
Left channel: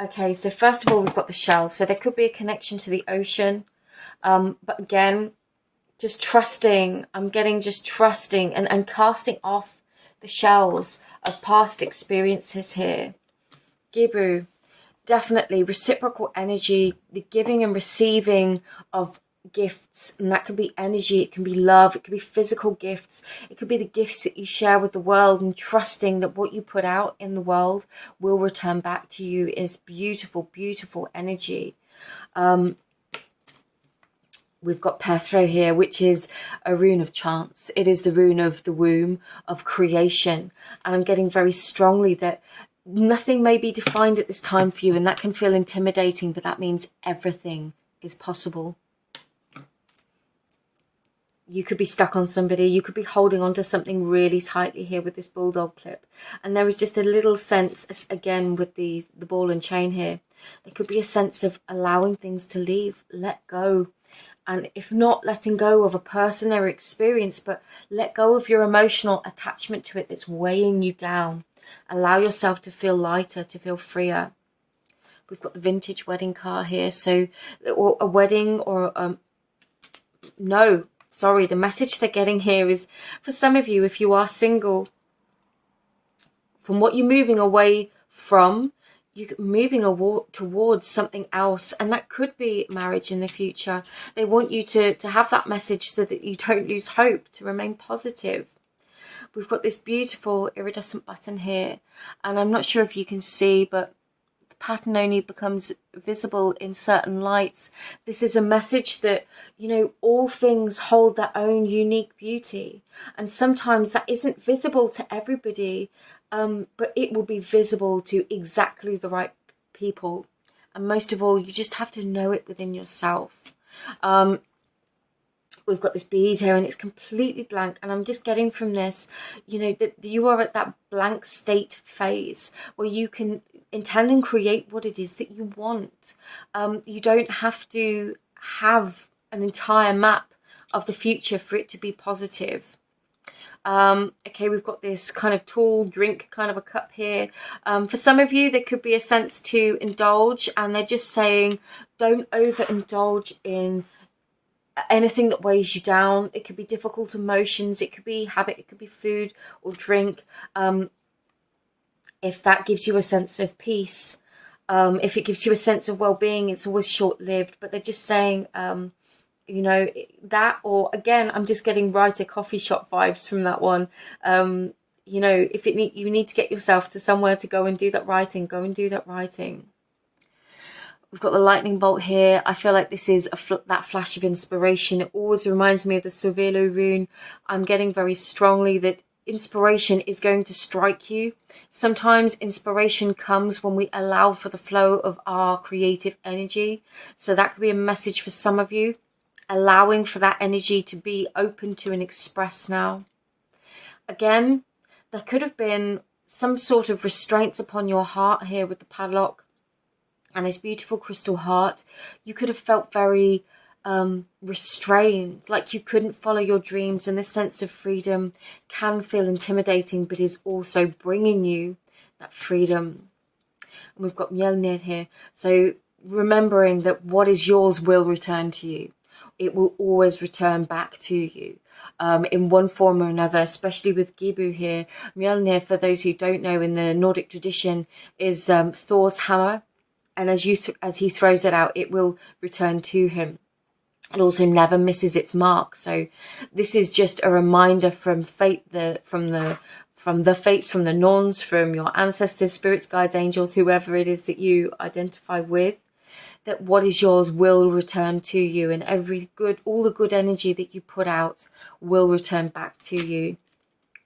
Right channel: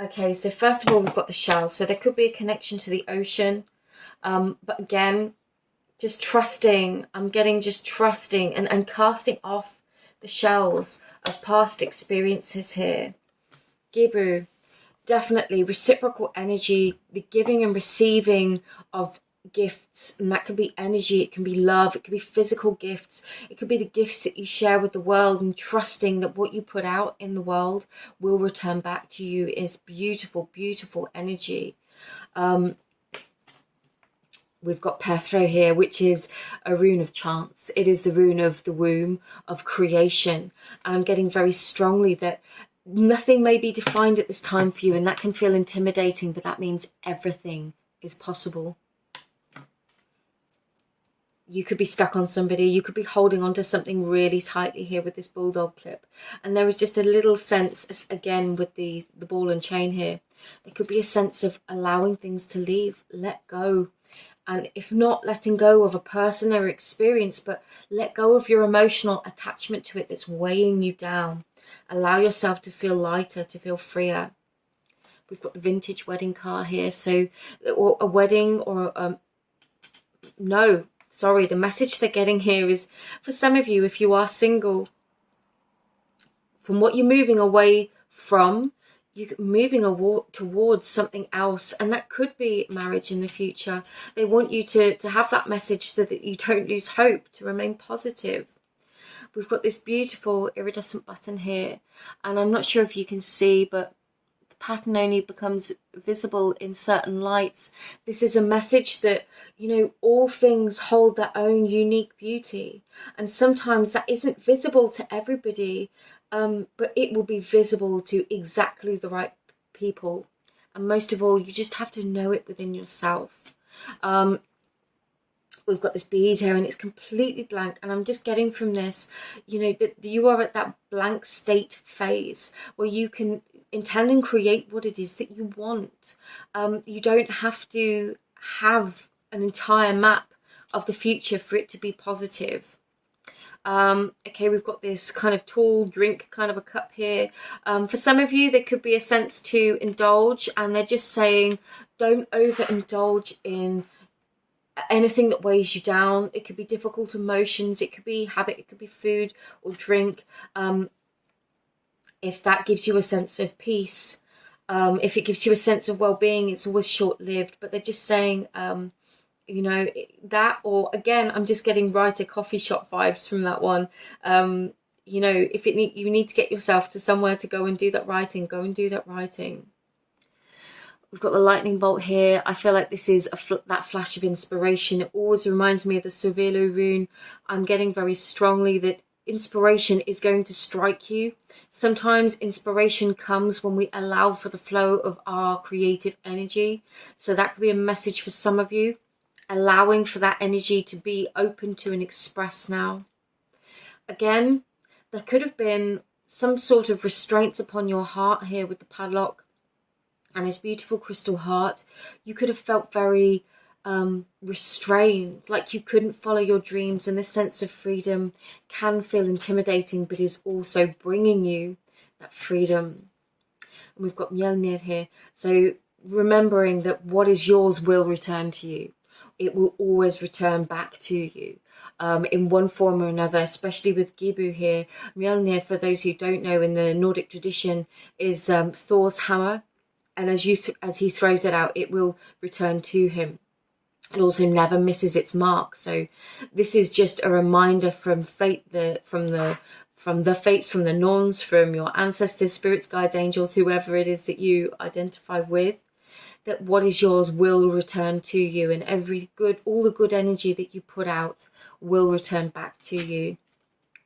Okay, so first of all, we've got the shells. So there could be a connection to the ocean. But again, just trusting. I'm getting just trusting and casting off the shells of past experiences here. Gibu, definitely reciprocal energy, the giving and receiving of gifts, and that could be energy, it can be love, it could be physical gifts, it could be the gifts that you share with the world, and trusting that what you put out in the world will return back to you is beautiful, beautiful energy. We've got Pethro here, which is a rune of chance. It is the rune of the womb, of creation. And I'm getting very strongly that nothing may be defined at this time for you, and that can feel intimidating, but that means everything is possible. You could be stuck on somebody. You could be holding on to something really tightly here with this bulldog clip. And there is just a little sense, again, with the ball and chain here, there could be a sense of allowing things to leave, let go. And if not letting go of a person or experience, but let go of your emotional attachment to it that's weighing you down. Allow yourself to feel lighter, to feel freer. We've got the vintage wedding car here. So, or a wedding or no, sorry. The message they're getting here is for some of you, if you are single, from what you're moving away from, you're moving towards something else, and that could be marriage in the future. They want you to have that message so that you don't lose hope, to remain positive. We've got this beautiful iridescent button here, and I'm not sure if you can see, but the pattern only becomes visible in certain lights. This is a message that, you know, all things hold their own unique beauty, and sometimes that isn't visible to everybody. But it will be visible to exactly the right people. And most of all, you just have to know it within yourself. We've got this bead here and it's completely blank. And I'm just getting from this, you know, that you are at that blank state phase where you can intend and create what it is that you want. You don't have to have an entire map of the future for it to be positive. Okay, we've got this kind of tall drink kind of a cup here. For some of you, there could be a sense to indulge, and they're just saying, don't overindulge in anything that weighs you down. It could be difficult emotions, it could be habit, it could be food or drink. If that gives you a sense of peace, if it gives you a sense of well-being, it's always short-lived. But they're just saying, you know, that, or again, I'm just getting writer coffee shop vibes from that one. You know, if you need to get yourself to somewhere to go and do that writing, go and do that writing. We've got the lightning bolt here. I feel like this is that flash of inspiration. It always reminds me of the Cervelo rune. I'm getting very strongly that inspiration is going to strike you. Sometimes inspiration comes when we allow for the flow of our creative energy. So that could be a message for some of you. Allowing for that energy to be open to and expressed now. Again, there could have been some sort of restraints upon your heart here with the padlock and this beautiful crystal heart. You could have felt very restrained, like you couldn't follow your dreams, and this sense of freedom can feel intimidating, but is also bringing you that freedom. And we've got Mjolnir here. So remembering that what is yours will return to you. It will always return back to you in one form or another, especially with Gibu here. Mjolnir, for those who don't know, in the Nordic tradition, is Thor's hammer. And as he throws it out, it will return to him. It also never misses its mark. So this is just a reminder from fate, from the fates, from the Norns, from your ancestors, spirits, guides, angels, whoever it is that you identify with, that what is yours will return to you, and all the good energy that you put out will return back to you.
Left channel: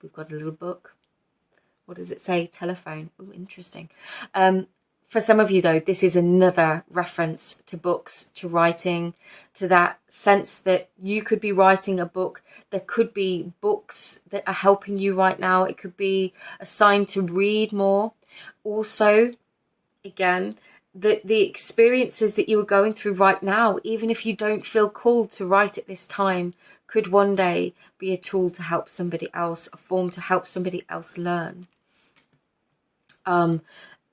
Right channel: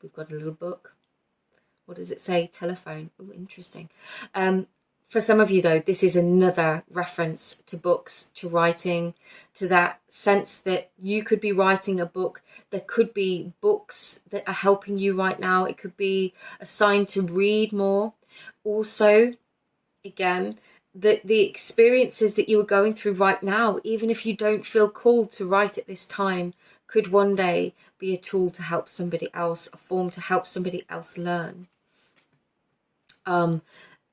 We've got a little book. What does it say? Telephone. Oh, interesting. For some of you, though, this is another reference to books, to writing, to that sense that you could be writing a book. There could be books that are helping you right now. It could be a sign to read more. Also, again, the experiences that you are going through right now, even if you don't feel called to write at this time, could one day be a tool to help somebody else, a form to help somebody else learn.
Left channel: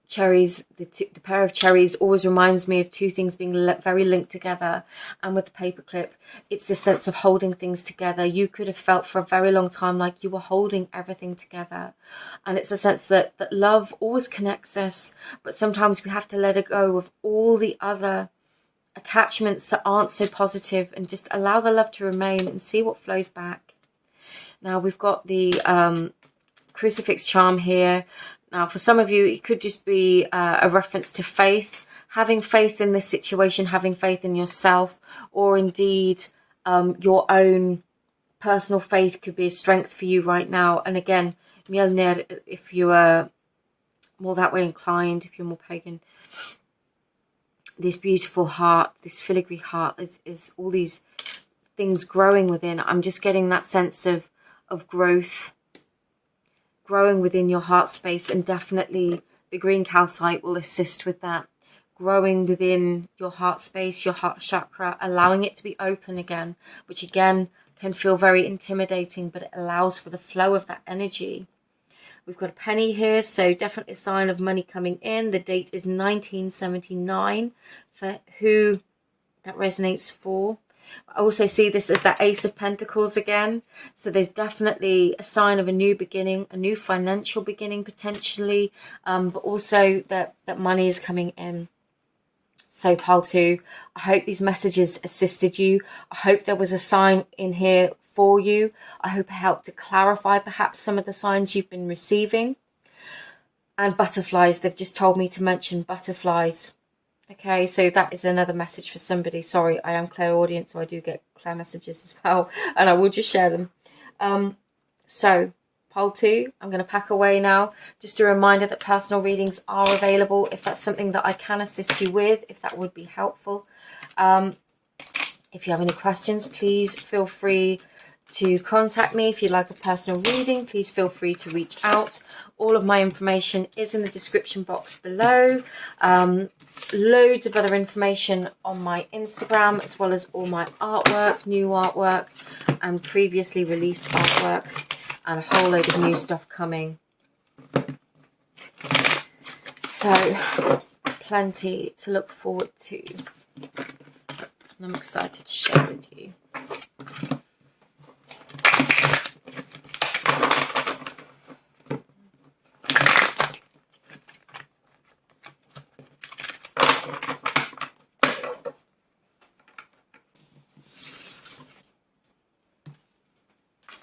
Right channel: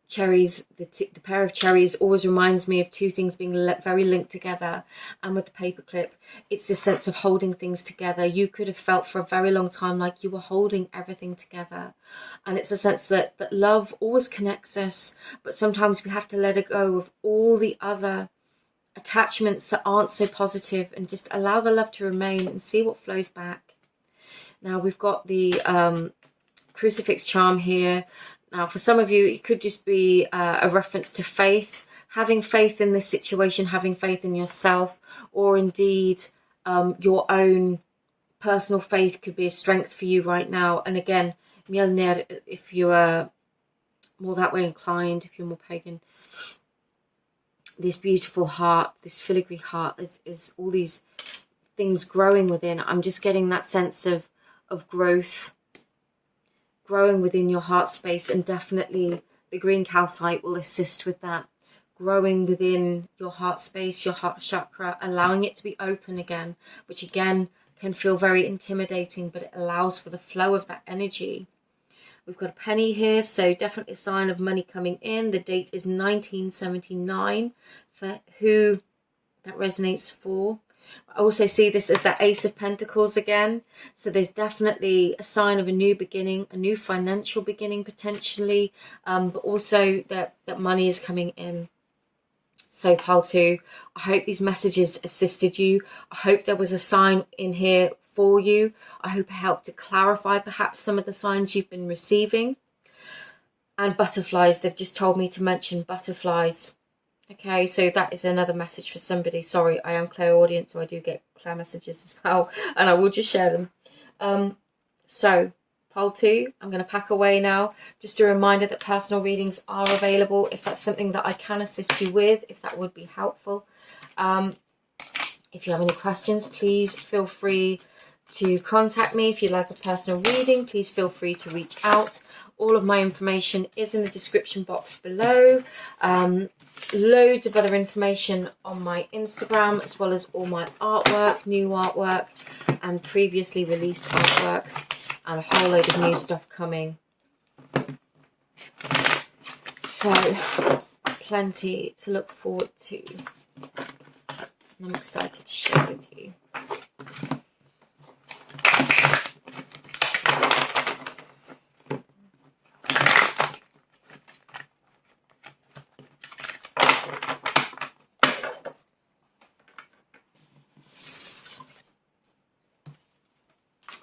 Cherries, the pair of cherries always reminds me of two things being very linked together. And with the paperclip, it's this sense of holding things together. You could have felt for a very long time like you were holding everything together. And it's a sense that love always connects us, but sometimes we have to let it go of all the other attachments that aren't so positive and just allow the love to remain and see what flows back. Now we've got the crucifix charm here. Now, for some of you, it could just be a reference to faith, having faith in this situation, having faith in yourself, or indeed your own personal faith could be a strength for you right now. And again, Mjolnir, if you are more that way inclined, if you're more pagan, this beautiful heart, this filigree heart, is all these things growing within. I'm just getting that sense of growth, growing within your heart space, and definitely the green calcite will assist with that. Growing within your heart space, your heart chakra, allowing it to be open again, which again can feel very intimidating, but it allows for the flow of that energy. We've got a penny here, so definitely a sign of money coming in. The date is 1979 for who that resonates for. I also see this as that Ace of Pentacles again. So there's definitely a sign of a new beginning, a new financial beginning potentially, but also that money is coming in. So pile 2, I hope these messages assisted you. I hope there was a sign in here for you. I hope it helped to clarify perhaps some of the signs you've been receiving. And butterflies, they've just told me to mention butterflies. Okay, so that is another message for somebody. Sorry, I am clairaudient, so I do get clair messages as well, and I will just share them. So, pile 2, I'm going to pack away now. Just a reminder that personal readings are available if that's something that I can assist you with, if that would be helpful. If you have any questions, please feel free to contact me. If you'd like a personal reading, please feel free to reach out. All of my information is in the description box below. Loads of other information on my Instagram, as well as all my artwork, new artwork, and previously released artwork, and a whole load of new stuff coming. So, plenty to look forward to. And I'm excited to share with you.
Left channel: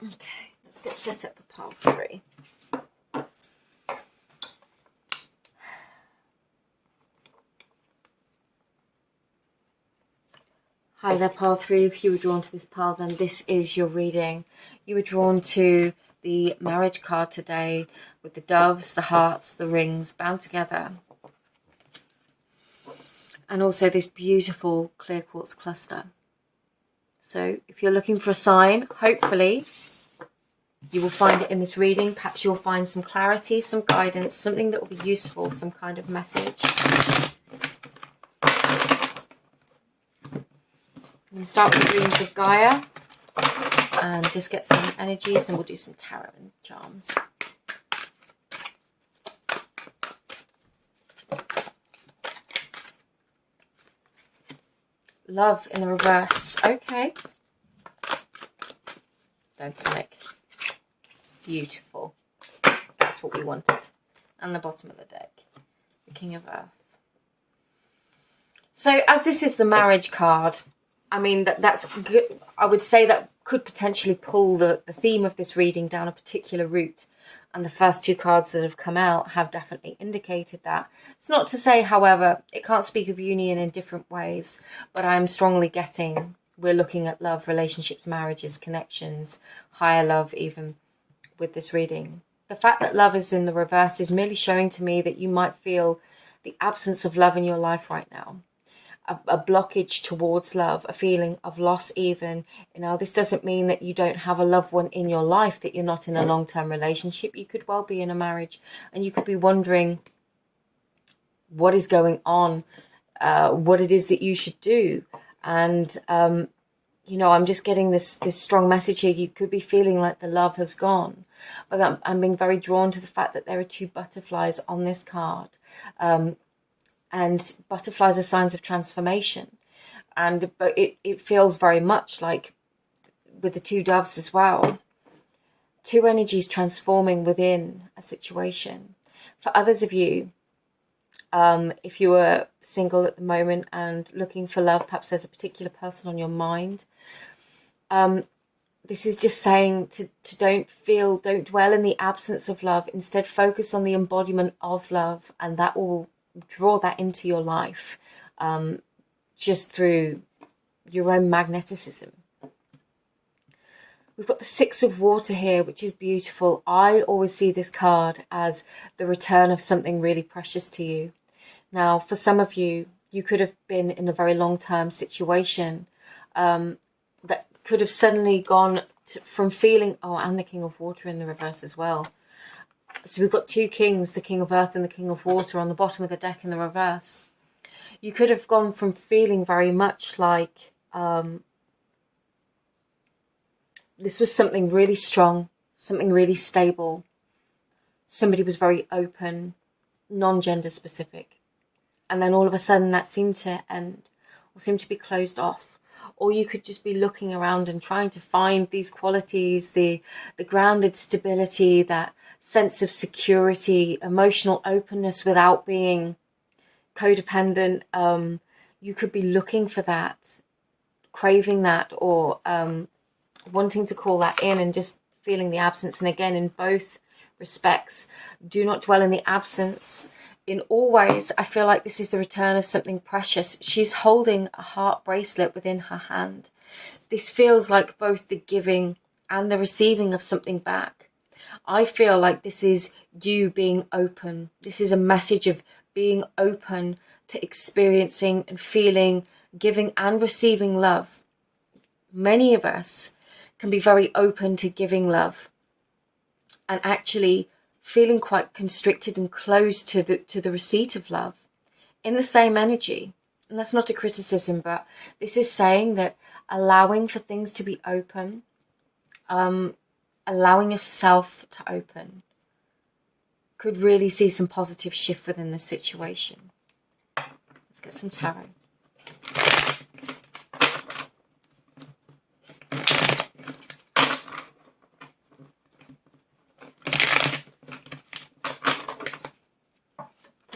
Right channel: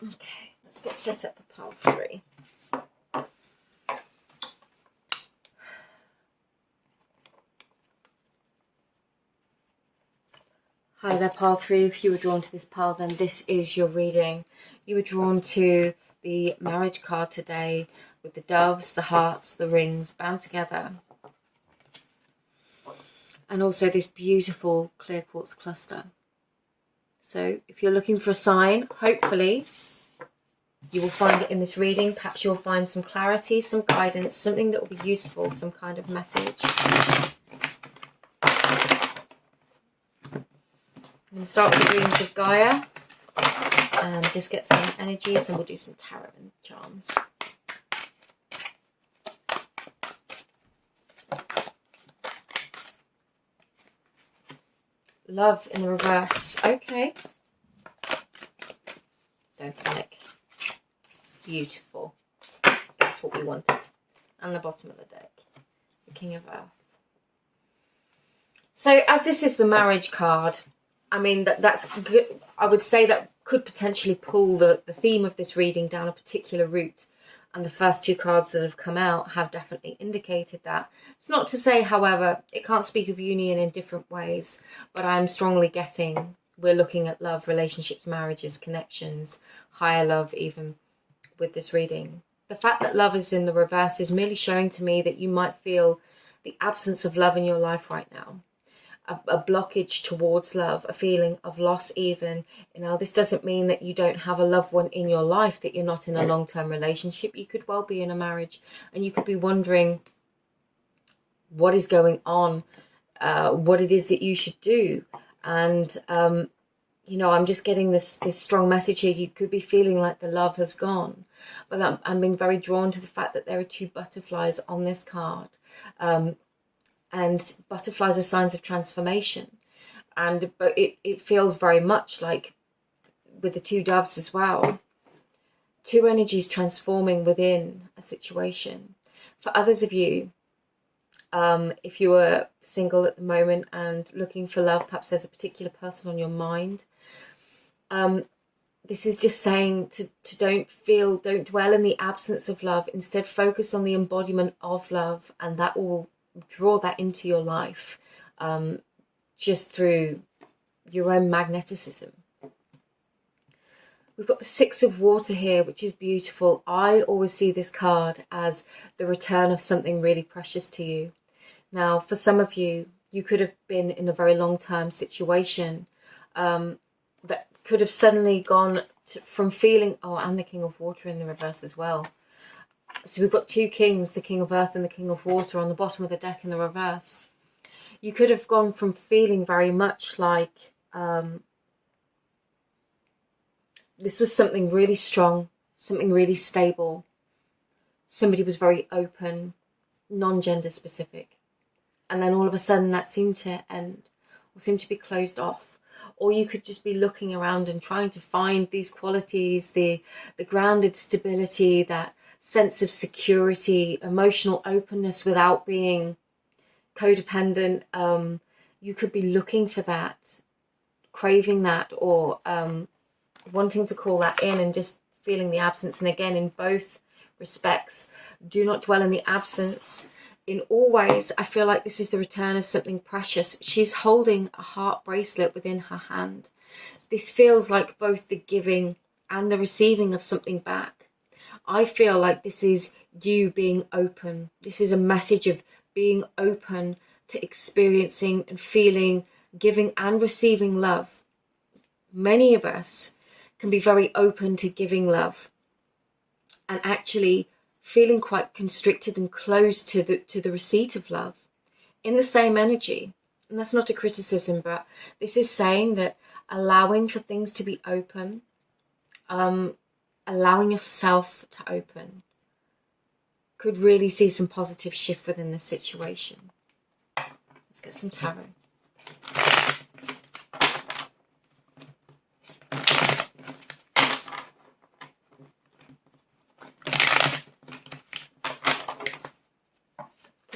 Okay, let's get set up for pile 3. Hi there, pile 3. If you were drawn to this pile, then this is your reading. You were drawn to the marriage card today with the doves, the hearts, the rings bound together. And also this beautiful clear quartz cluster. So if you're looking for a sign, hopefully you will find it in this reading. Perhaps you'll find some clarity, some guidance, something that will be useful, some kind of message. I'm going to start with the Dreams of Gaia and just get some energies, then we'll do some tarot and charms. Love in the reverse. Okay. Don't panic. Beautiful. That's what we wanted. And the bottom of the deck. The King of Earth. So as this is the marriage card, I mean, that's good. I would say that could potentially pull the theme of this reading down a particular route. And the first two cards that have come out have definitely indicated that. It's not to say, however, it can't speak of union in different ways, but I'm strongly getting we're looking at love, relationships, marriages, connections, higher love even with this reading. The fact that love is in the reverse is merely showing to me that you might feel the absence of love in your life right now. A blockage towards love, a feeling of loss even. You know, this doesn't mean that you don't have a loved one in your life, that you're not in a long-term relationship. You could well be in a marriage, and you could be wondering what is going on, what it is that you should do. And, you know, I'm just getting this strong message here. You could be feeling like the love has gone. But I'm being very drawn to the fact that there are two butterflies on this card. And butterflies are signs of transformation. But it feels very much like with the two doves as well. Two energies transforming within a situation. For others of you, if you are single at the moment and looking for love, perhaps there's a particular person on your mind. This is just saying to don't dwell in the absence of love. Instead, focus on the embodiment of love, and that will draw that into your life just through your own magnetism. We've got the Six of Water here, which is beautiful. I always see this card as the return of something really precious to you. Now, for some of you, you could have been in a very long-term situation that could have suddenly gone from feeling, and the King of Water in the reverse as well. So we've got two kings, the King of Earth and the King of Water on the bottom of the deck in the reverse. You could have gone from feeling very much like this was something really strong, something really stable. Somebody was very open, non-gender specific. And then all of a sudden that seemed to end or seemed to be closed off. Or you could just be looking around and trying to find these qualities, the grounded stability, that sense of security, emotional openness without being codependent. You could be looking for that, craving that, or wanting to call that in and just feeling the absence. And again, in both respects, do not dwell in the absence. In all ways, I feel like this is the return of something precious. She's holding a heart bracelet within her hand. This feels like both the giving and the receiving of something back. I feel like this is you being open. This is a message of being open to experiencing and feeling, giving and receiving love. Many of us can be very open to giving love and actually feeling quite constricted and closed to the receipt of love in the same energy. And that's not a criticism, but this is saying that allowing for things to be open, allowing yourself to open, could really see some positive shift within the situation. Let's get some tarot.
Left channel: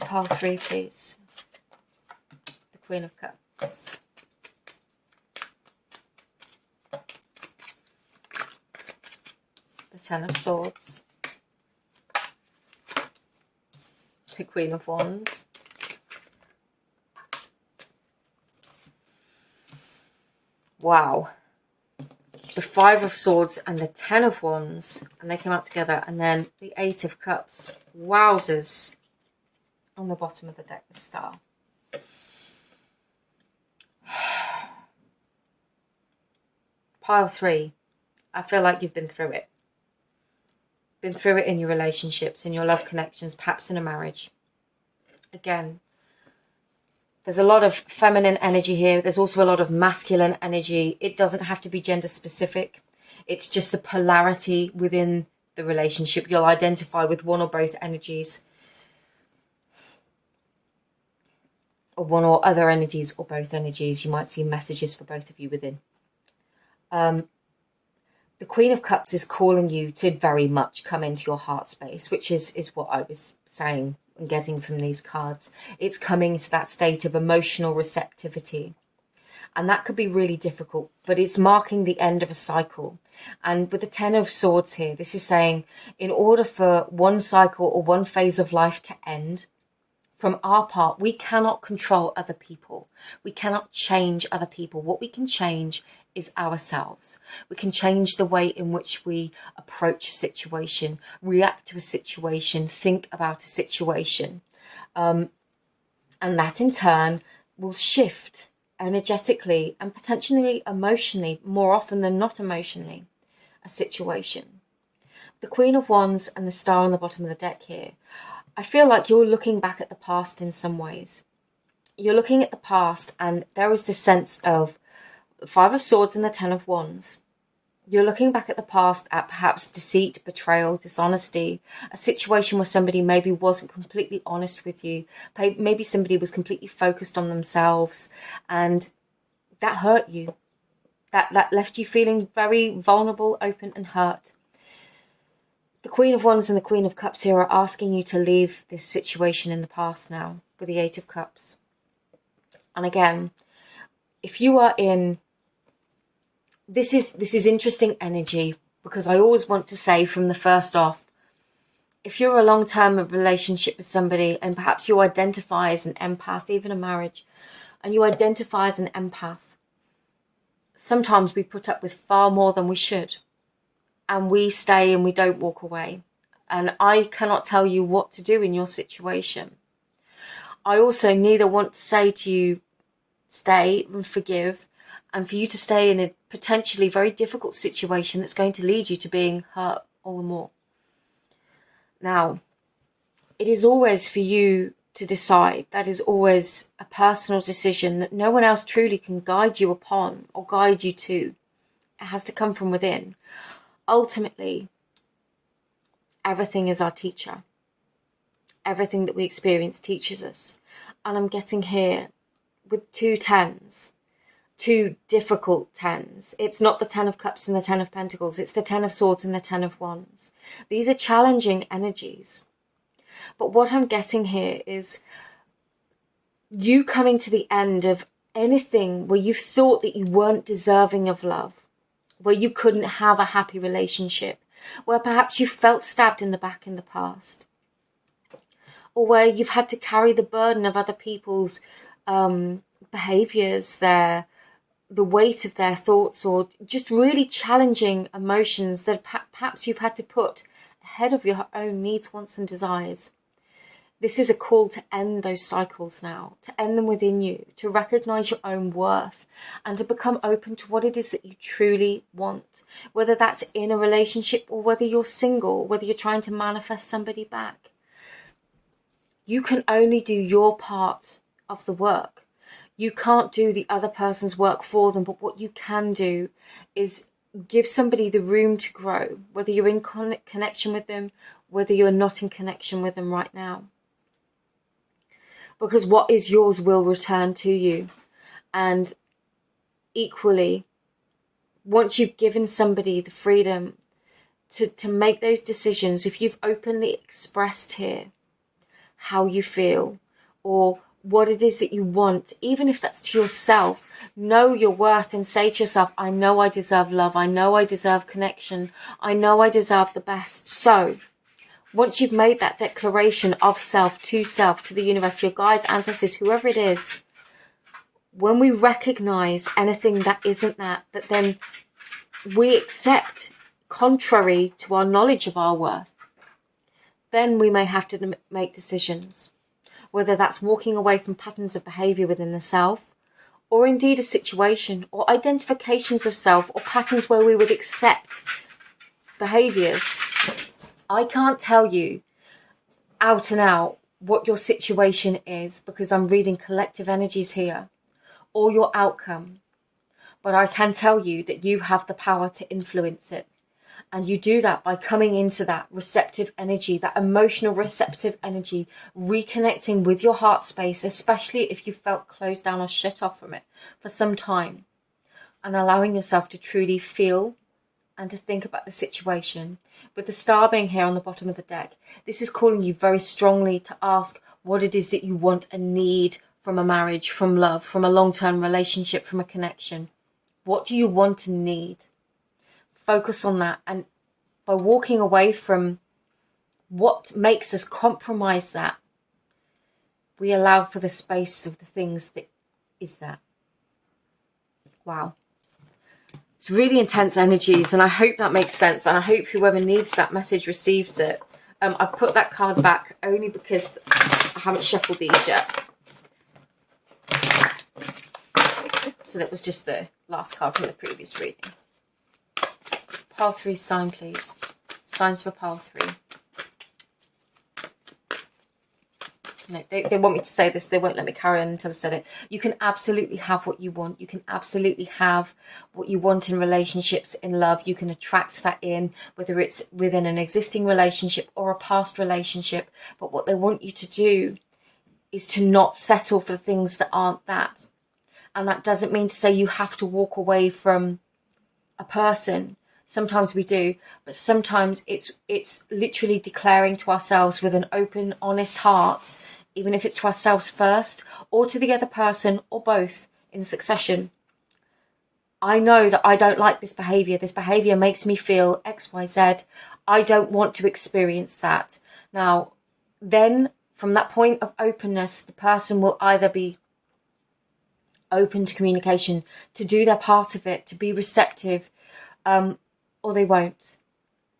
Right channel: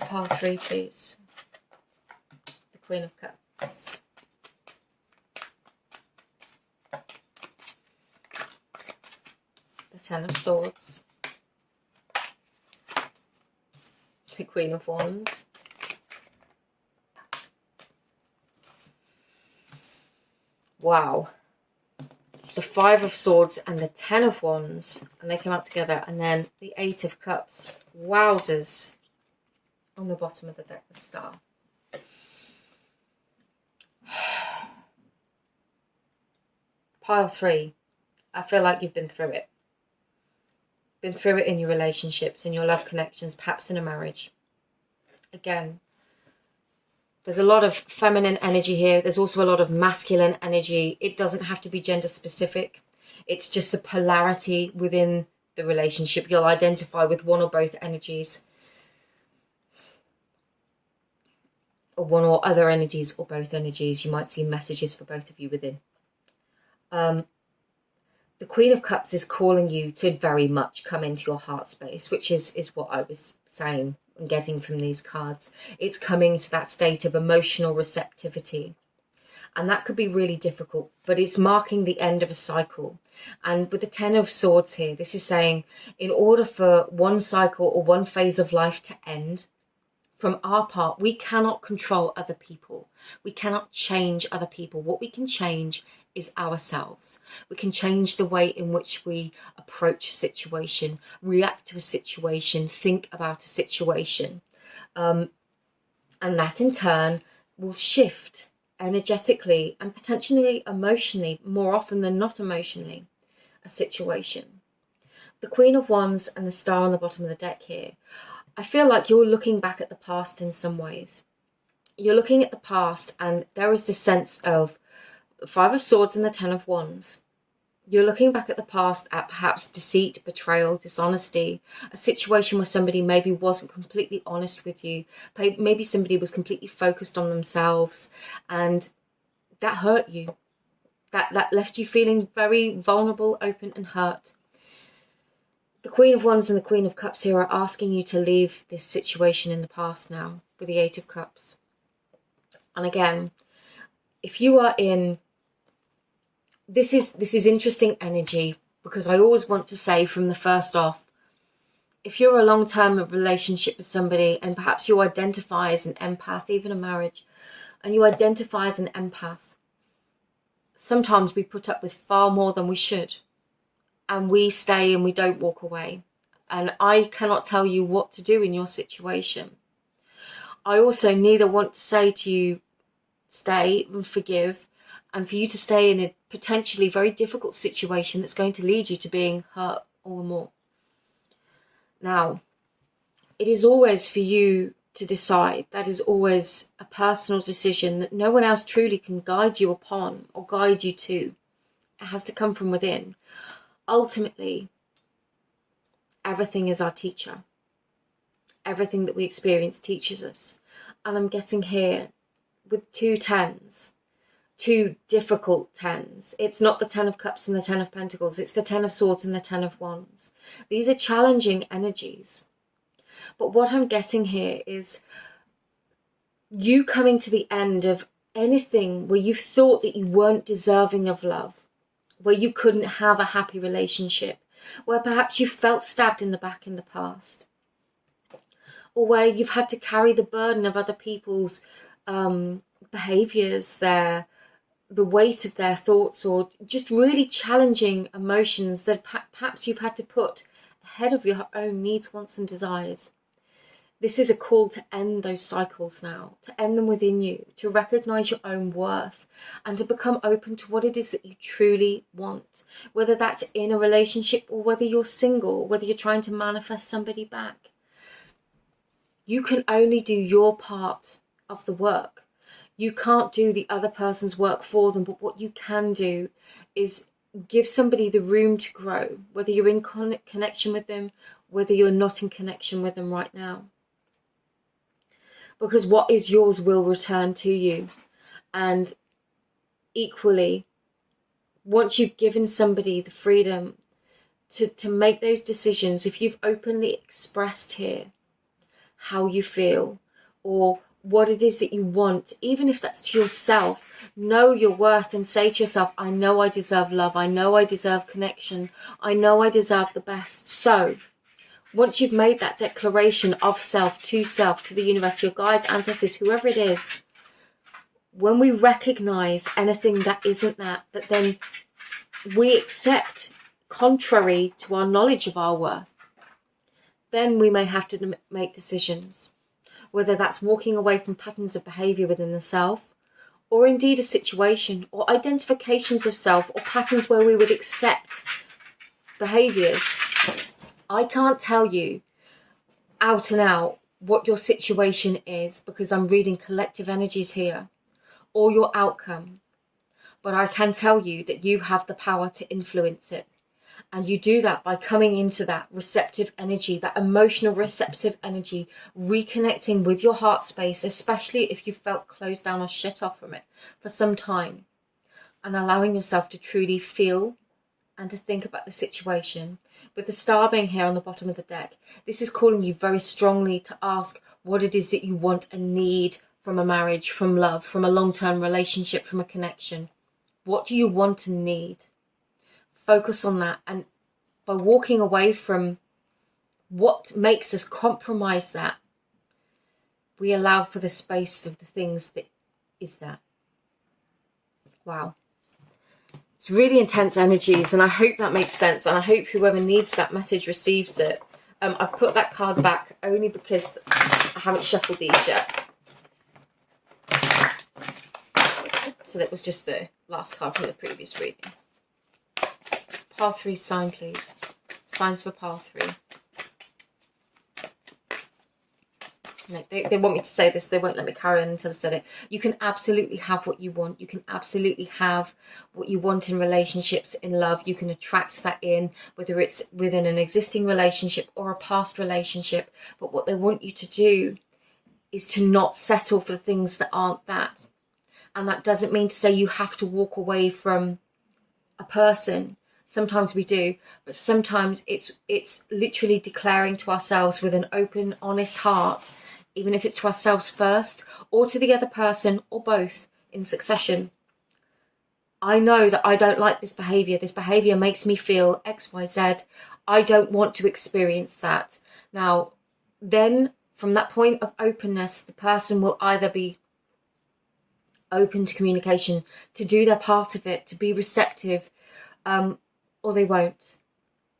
Pile 3, please. The Queen of Cups. The Ten of Swords. The Queen of Wands. Wow. The Five of Swords and the Ten of Wands. And they came out together. And then the Eight of Cups. Wowzers. On the bottom of the deck, the Star. Pile 3. I feel like you've been through it. Been through it in your relationships, in your love connections, perhaps in a marriage. Again, there's a lot of feminine energy here. There's also a lot of masculine energy. It doesn't have to be gender specific. It's just the polarity within the relationship. You'll identify with one or both energies. Or one or other energies, or both energies. You might see messages for both of you within. The Queen of Cups is calling you to very much come into your heart space, which is what I was saying and getting from these cards. It's coming to that state of emotional receptivity. And that could be really difficult, but it's marking the end of a cycle. And with the Ten of Swords here, this is saying in order for one cycle or one phase of life to end, from our part, we cannot control other people. We cannot change other people. What we can change is ourselves. We can change the way in which we approach a situation, react to a situation, think about a situation. And that in turn will shift energetically and potentially emotionally, more often than not emotionally, a situation. The Queen of Wands and the Star on the bottom of the deck here, I feel like you're looking back at the past in some ways. You're looking at the past and there is this sense of the Five of Swords and the Ten of Wands. You're looking back at the past at perhaps deceit, betrayal, dishonesty, a situation where somebody maybe wasn't completely honest with you. Maybe somebody was completely focused on themselves and that hurt you. That left you feeling very vulnerable, open and hurt. The Queen of Wands and the Queen of Cups here are asking you to leave this situation in the past now with the Eight of Cups. And again, if you are in, this is interesting energy, because I always want to say from the first off, if you're a long-term relationship with somebody and perhaps you identify as an empath, even a marriage, and you identify as an empath, sometimes we put up with far more than we should. And we stay and we don't walk away. And I cannot tell you what to do in your situation. I also neither want to say to you, stay and forgive, and for you to stay in a potentially very difficult situation that's going to lead you to being hurt all the more. Now, it is always for you to decide. That is always a personal decision that no one else truly can guide you upon or guide you to. It has to come from within. Ultimately, everything is our teacher. Everything that we experience teaches us. And I'm getting here with two tens, two difficult tens. It's not the Ten of Cups and the Ten of Pentacles. It's the Ten of Swords and the Ten of Wands. These are challenging energies. But what I'm getting here is you coming to the end of anything where you've thought that you weren't deserving of love, where you couldn't have a happy relationship, where perhaps you felt stabbed in the back in the past, or where you've had to carry the burden of other people's behaviours, the weight of their thoughts, or just really challenging emotions that perhaps you've had to put ahead of your own needs, wants and desires. This is a call to end those cycles now, to end them within you, to recognise your own worth and to become open to what it is that you truly want, whether that's in a relationship or whether you're single, whether you're trying to manifest somebody back. You can only do your part of the work. You can't do the other person's work for them, but what you can do is give somebody the room to grow, whether you're in connection with them, whether you're not in connection with them right now. Because what is yours will return to you. And equally, once you've given somebody the freedom to make those decisions, if you've openly expressed here how you feel or what it is that you want, even if that's to yourself, know your worth and say to yourself, I know I deserve love. I know I deserve connection. I know I deserve the best. So once you've made that declaration of self to the universe, to your guides, ancestors, whoever it is, when we recognize anything that isn't that then we accept contrary to our knowledge of our worth, then we may have to make decisions, whether that's walking away from patterns of behavior within the self, or indeed a situation, or identifications of self, or patterns where we would accept behaviors. I can't tell you out and out what your situation is because I'm reading collective energies here, or your outcome. But I can tell you that you have the power to influence it. And you do that by coming into that receptive energy, that emotional receptive energy, reconnecting with your heart space, especially if you felt closed down or shut off from it for some time, and allowing yourself to truly feel and to think about the situation. With the star being here on the bottom of the deck, this is calling you very strongly to ask what it is that you want and need from a marriage, from love, from a long-term relationship, from a connection? What do you want and need? Focus on that. And by walking away from what makes us compromise that, we allow for the space of the things that is that. Wow. It's really intense energies, and I hope that makes sense, and I hope whoever needs that message receives it. I've put that card back only because I haven't shuffled these yet. So that was just the last card from the previous reading. Pile 3 sign, please. Signs for pile 3. No, they want me to say this. They won't let me carry on until I've said it. You can absolutely have what you want. You can absolutely have what you want in relationships, in love. You can attract that in, whether it's within an existing relationship or a past relationship. But what they want you to do is to not settle for things that aren't that. And that doesn't mean to say you have to walk away from a person. Sometimes we do, but sometimes it's literally declaring to ourselves with an open, honest heart, even if it's to ourselves first or to the other person or both in succession. I know that I don't like this behavior. This behavior makes me feel X, Y, Z. I don't want to experience that. Now, then from that point of openness, the person will either be open to communication, to do their part of it, to be receptive, or they won't.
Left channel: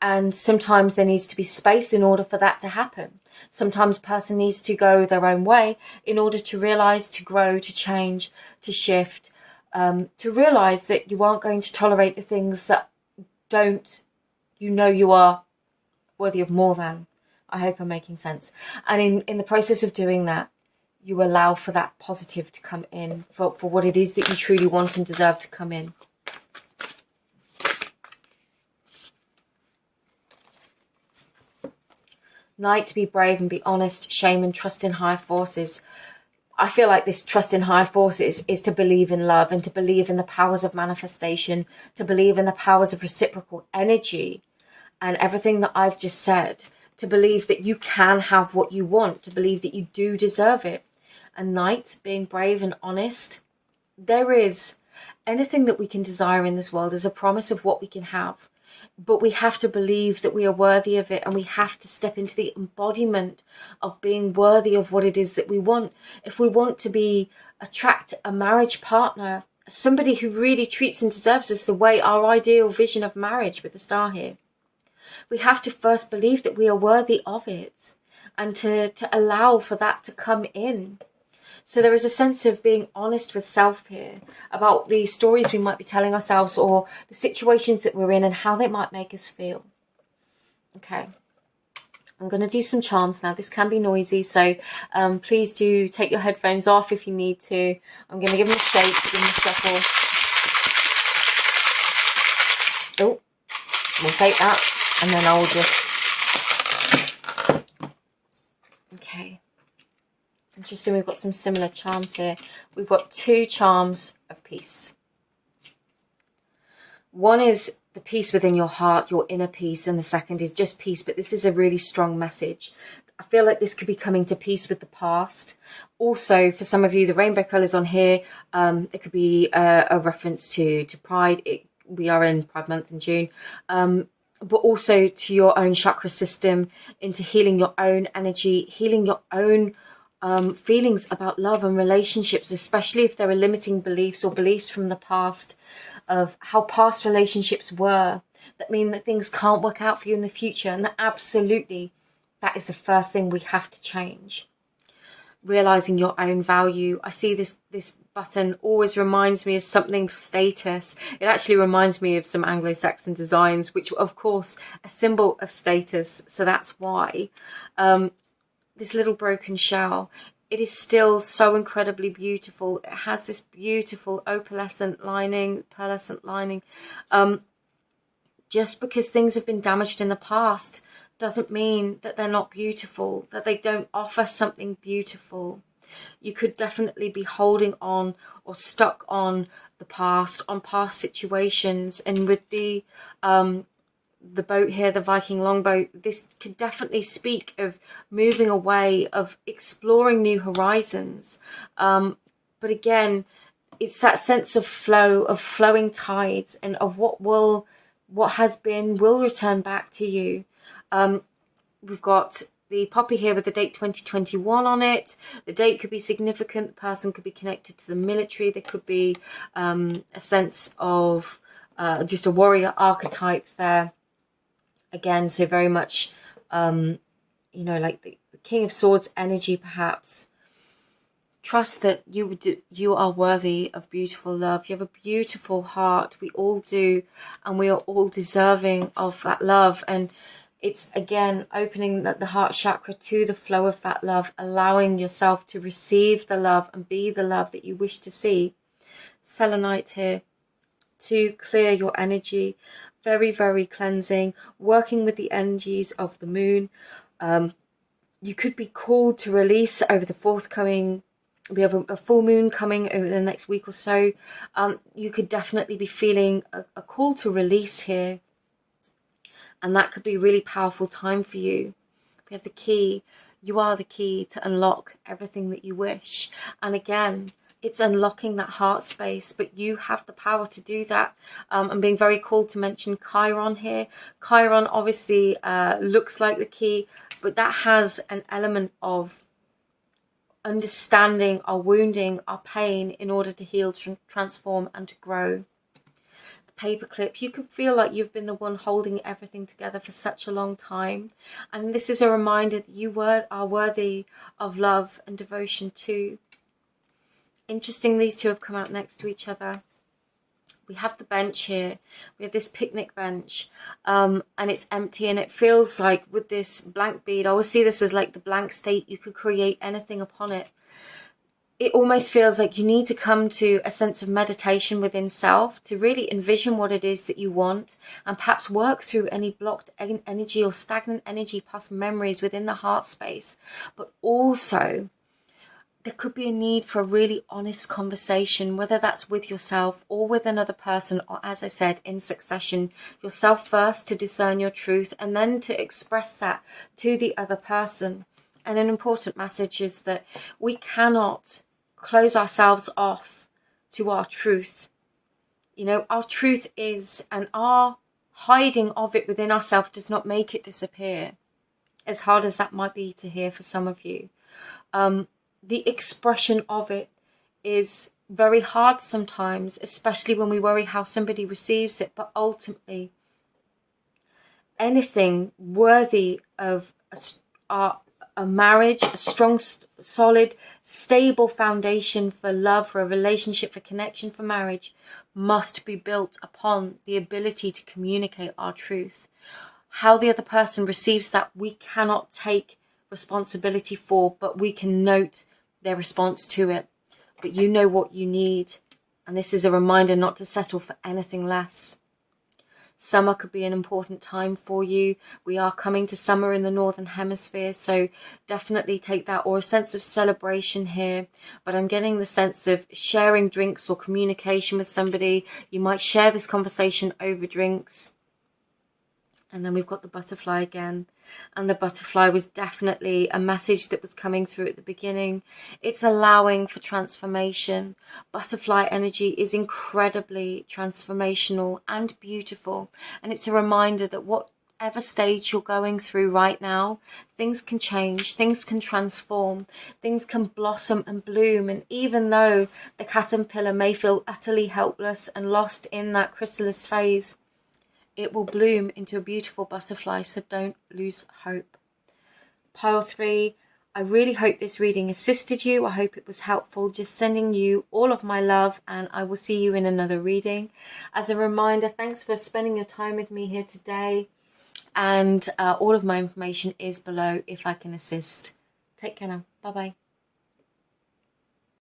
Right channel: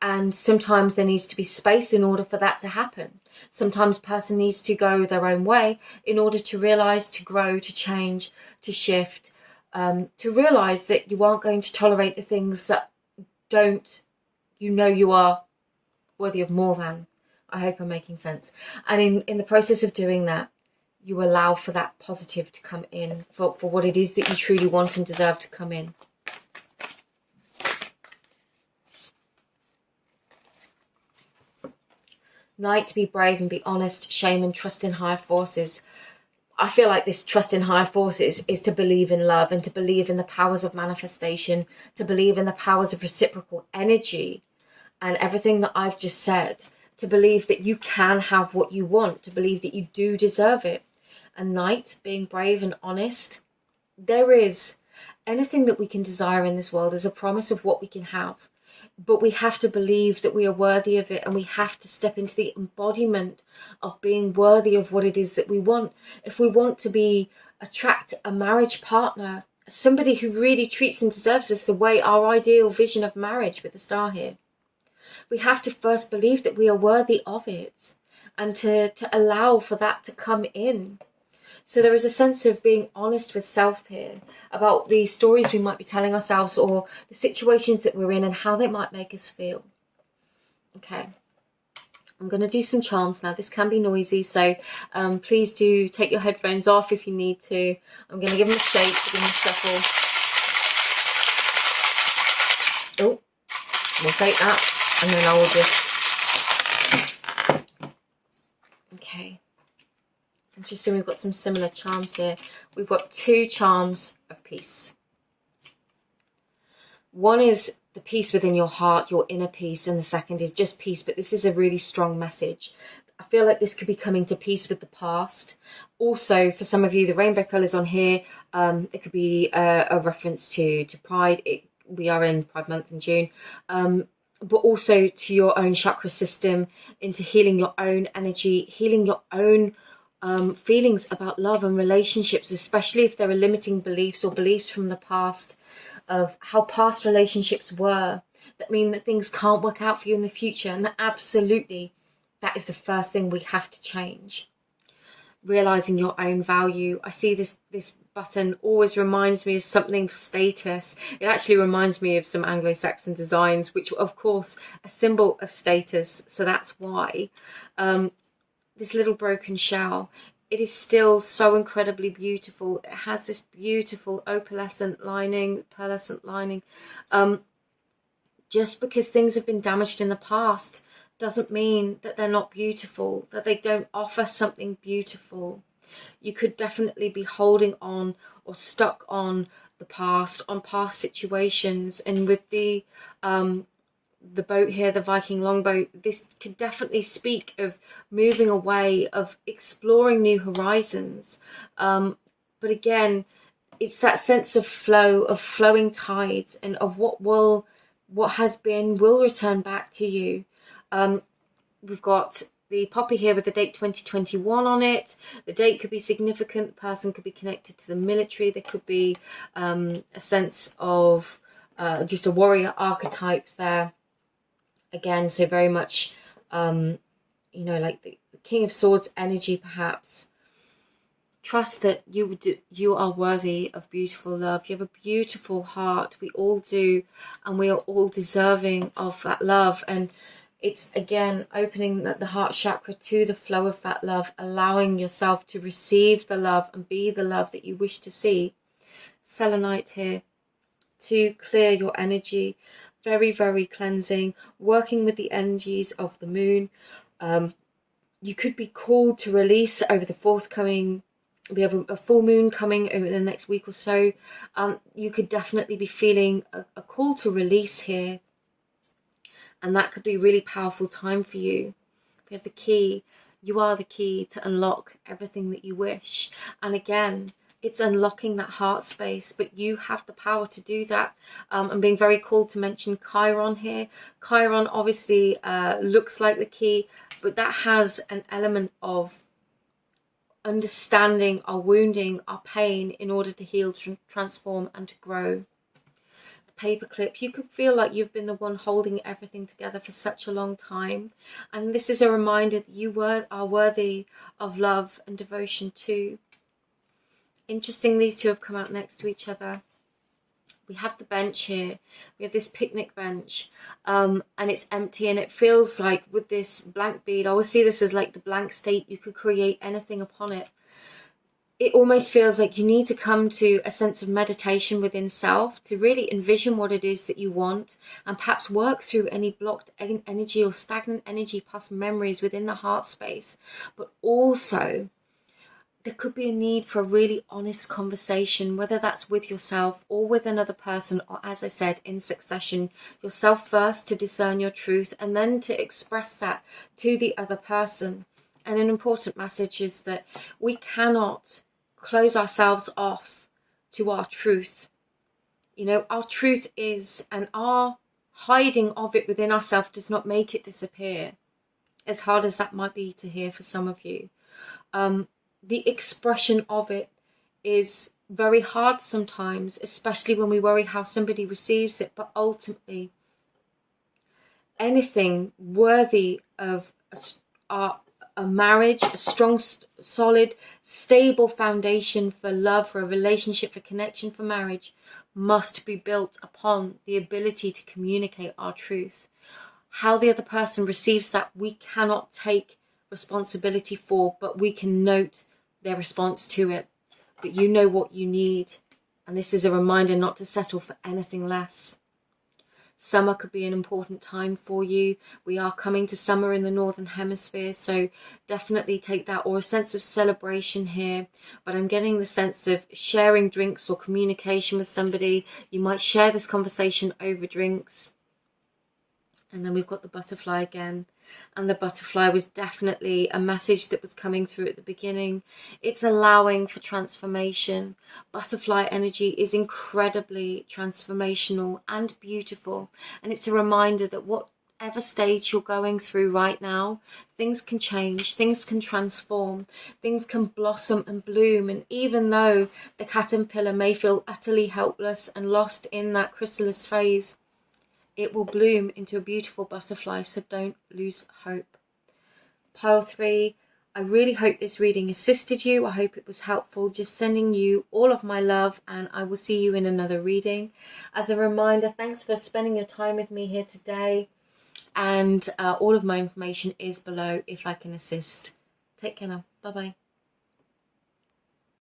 And sometimes there needs to be space in order for that to happen. Sometimes a person needs to go their own way in order to realize, to grow, to change, to shift, to realize that you aren't going to tolerate the things that you are worthy of more than. I hope I'm making sense. And in the process of doing that, you allow for that positive to come in, for what it is that you truly want and deserve to come in. Knight, to be brave and be honest, shame and trust in higher forces. I feel like this trust in higher forces is to believe in love and to believe in the powers of manifestation, to believe in the powers of reciprocal energy and everything that I've just said, to believe that you can have what you want, to believe that you do deserve it. And Knight, being brave and honest, there is anything that we can desire in this world is a promise of what we can have. But we have to believe that we are worthy of it, and we have to step into the embodiment of being worthy of what it is that we want. If we want to attract a marriage partner, somebody who really treats and deserves us the way our ideal vision of marriage with the star here, we have to first believe that we are worthy of it and to allow for that to come in. So there is a sense of being honest with self here about the stories we might be telling ourselves or the situations that we're in and how they might make us feel. Okay, I'm going to do some charms now. This can be noisy, so please do take your headphones off if you need to. I'm going to give them a shake, give them a shuffle. Oh, we'll take that, and then I will just... Okay. Interesting, we've got some similar charms here. We've got 2 charms of peace. One is the peace within your heart, your inner peace, and the second is just peace, but this is a really strong message. I feel like this could be coming to peace with the past. Also, for some of you, the rainbow colours on here, it could be a reference to Pride. We are in Pride Month in June. But also to your own chakra system, into healing your own energy, healing your own feelings about love and relationships, especially if there are limiting beliefs or beliefs from the past of how past relationships were that mean that things can't work out for you in the future. And that absolutely, that is the first thing we have to change. Realizing your own value. I see this button always reminds me of something status. It actually reminds me of some Anglo-Saxon designs, which were of course a symbol of status. So that's why this little broken shell, it is still so incredibly beautiful. It has this beautiful opalescent lining, pearlescent lining. Just because things have been damaged in the past doesn't mean that they're not beautiful, that they don't offer something beautiful. You could definitely be holding on or stuck on the past, on past situations. And with the the boat here, the Viking longboat, this could definitely speak of moving away, of exploring new horizons. But again, it's that sense of flow, of flowing tides, and of what has been will return back to you. We've got the poppy here with the date 2021 on it. The date could be significant. The person could be connected to the military. There could be a sense of just a warrior archetype there. Again, so very much, like the King of Swords energy, perhaps. Trust that you are worthy of beautiful love. You have a beautiful heart. We all do, and we are all deserving of that love. And it's, again, opening the heart chakra to the flow of that love, allowing yourself to receive the love and be the love that you wish to see. Selenite here to clear your energy. Very, very cleansing. Working with the energies of the moon. You could be called to release over the forthcoming. We have a full moon coming over the next week or so. You could definitely be feeling a call to release here. And that could be a really powerful time for you. We have the key. You are the key to unlock everything that you wish. And again, it's unlocking that heart space, but you have the power to do that. I'm being very called to mention Chiron here. Chiron obviously looks like the key, but that has an element of understanding our wounding, our pain, in order to heal, transform, and to grow. Paperclip, you could feel like you've been the one holding everything together for such a long time, and this is a reminder that you are worthy of love and devotion too. Interesting, these two have come out next to each other. We have the bench here. We have this picnic bench, and it's empty, and it feels like with this blank bead, I always see this as like the blank state. You could create anything upon it. It almost feels like you need to come to a sense of meditation within self to really envision what it is that you want, and perhaps work through any blocked energy or stagnant energy, past memories within the heart space. But also, there could be a need for a really honest conversation, whether that's with yourself or with another person, or, as I said, in succession, yourself first to discern your truth, and then to express that to the other person. And an important message is that we cannot close ourselves off to our truth. Our truth is, and our hiding of it within ourselves does not make it disappear, as hard as that might be to hear for some of you. The expression of it is very hard sometimes, especially when we worry how somebody receives it. But ultimately, anything worthy of a marriage, a strong, solid, stable foundation for love, for a relationship, for connection, for marriage, must be built upon the ability to communicate our truth. How the other person receives that, we cannot take responsibility for, but we can note their response to it. But you know what you need, and this is a reminder not to settle for anything less. Summer could be an important time for you. We are coming to summer in the Northern Hemisphere, so definitely take that, or a sense of celebration here. But I'm getting the sense of sharing drinks or communication with somebody. You might share this conversation over drinks. And then we've got the butterfly again. And the butterfly was definitely a message that was coming through at the beginning. It's allowing for transformation. Butterfly energy is incredibly transformational and beautiful. And it's a reminder that whatever stage you're going through right now, things can change, things can transform, things can blossom and bloom. And even though the caterpillar may feel utterly helpless and lost in that chrysalis phase, it will bloom into a beautiful butterfly, so don't lose hope. Pile 3, I really hope this reading assisted you. I hope it was helpful. Just sending you all of my love, and I will see you in another reading. As a reminder, thanks for spending your time with me here today, and all of my information is below if I can assist. Take care now. Bye-bye.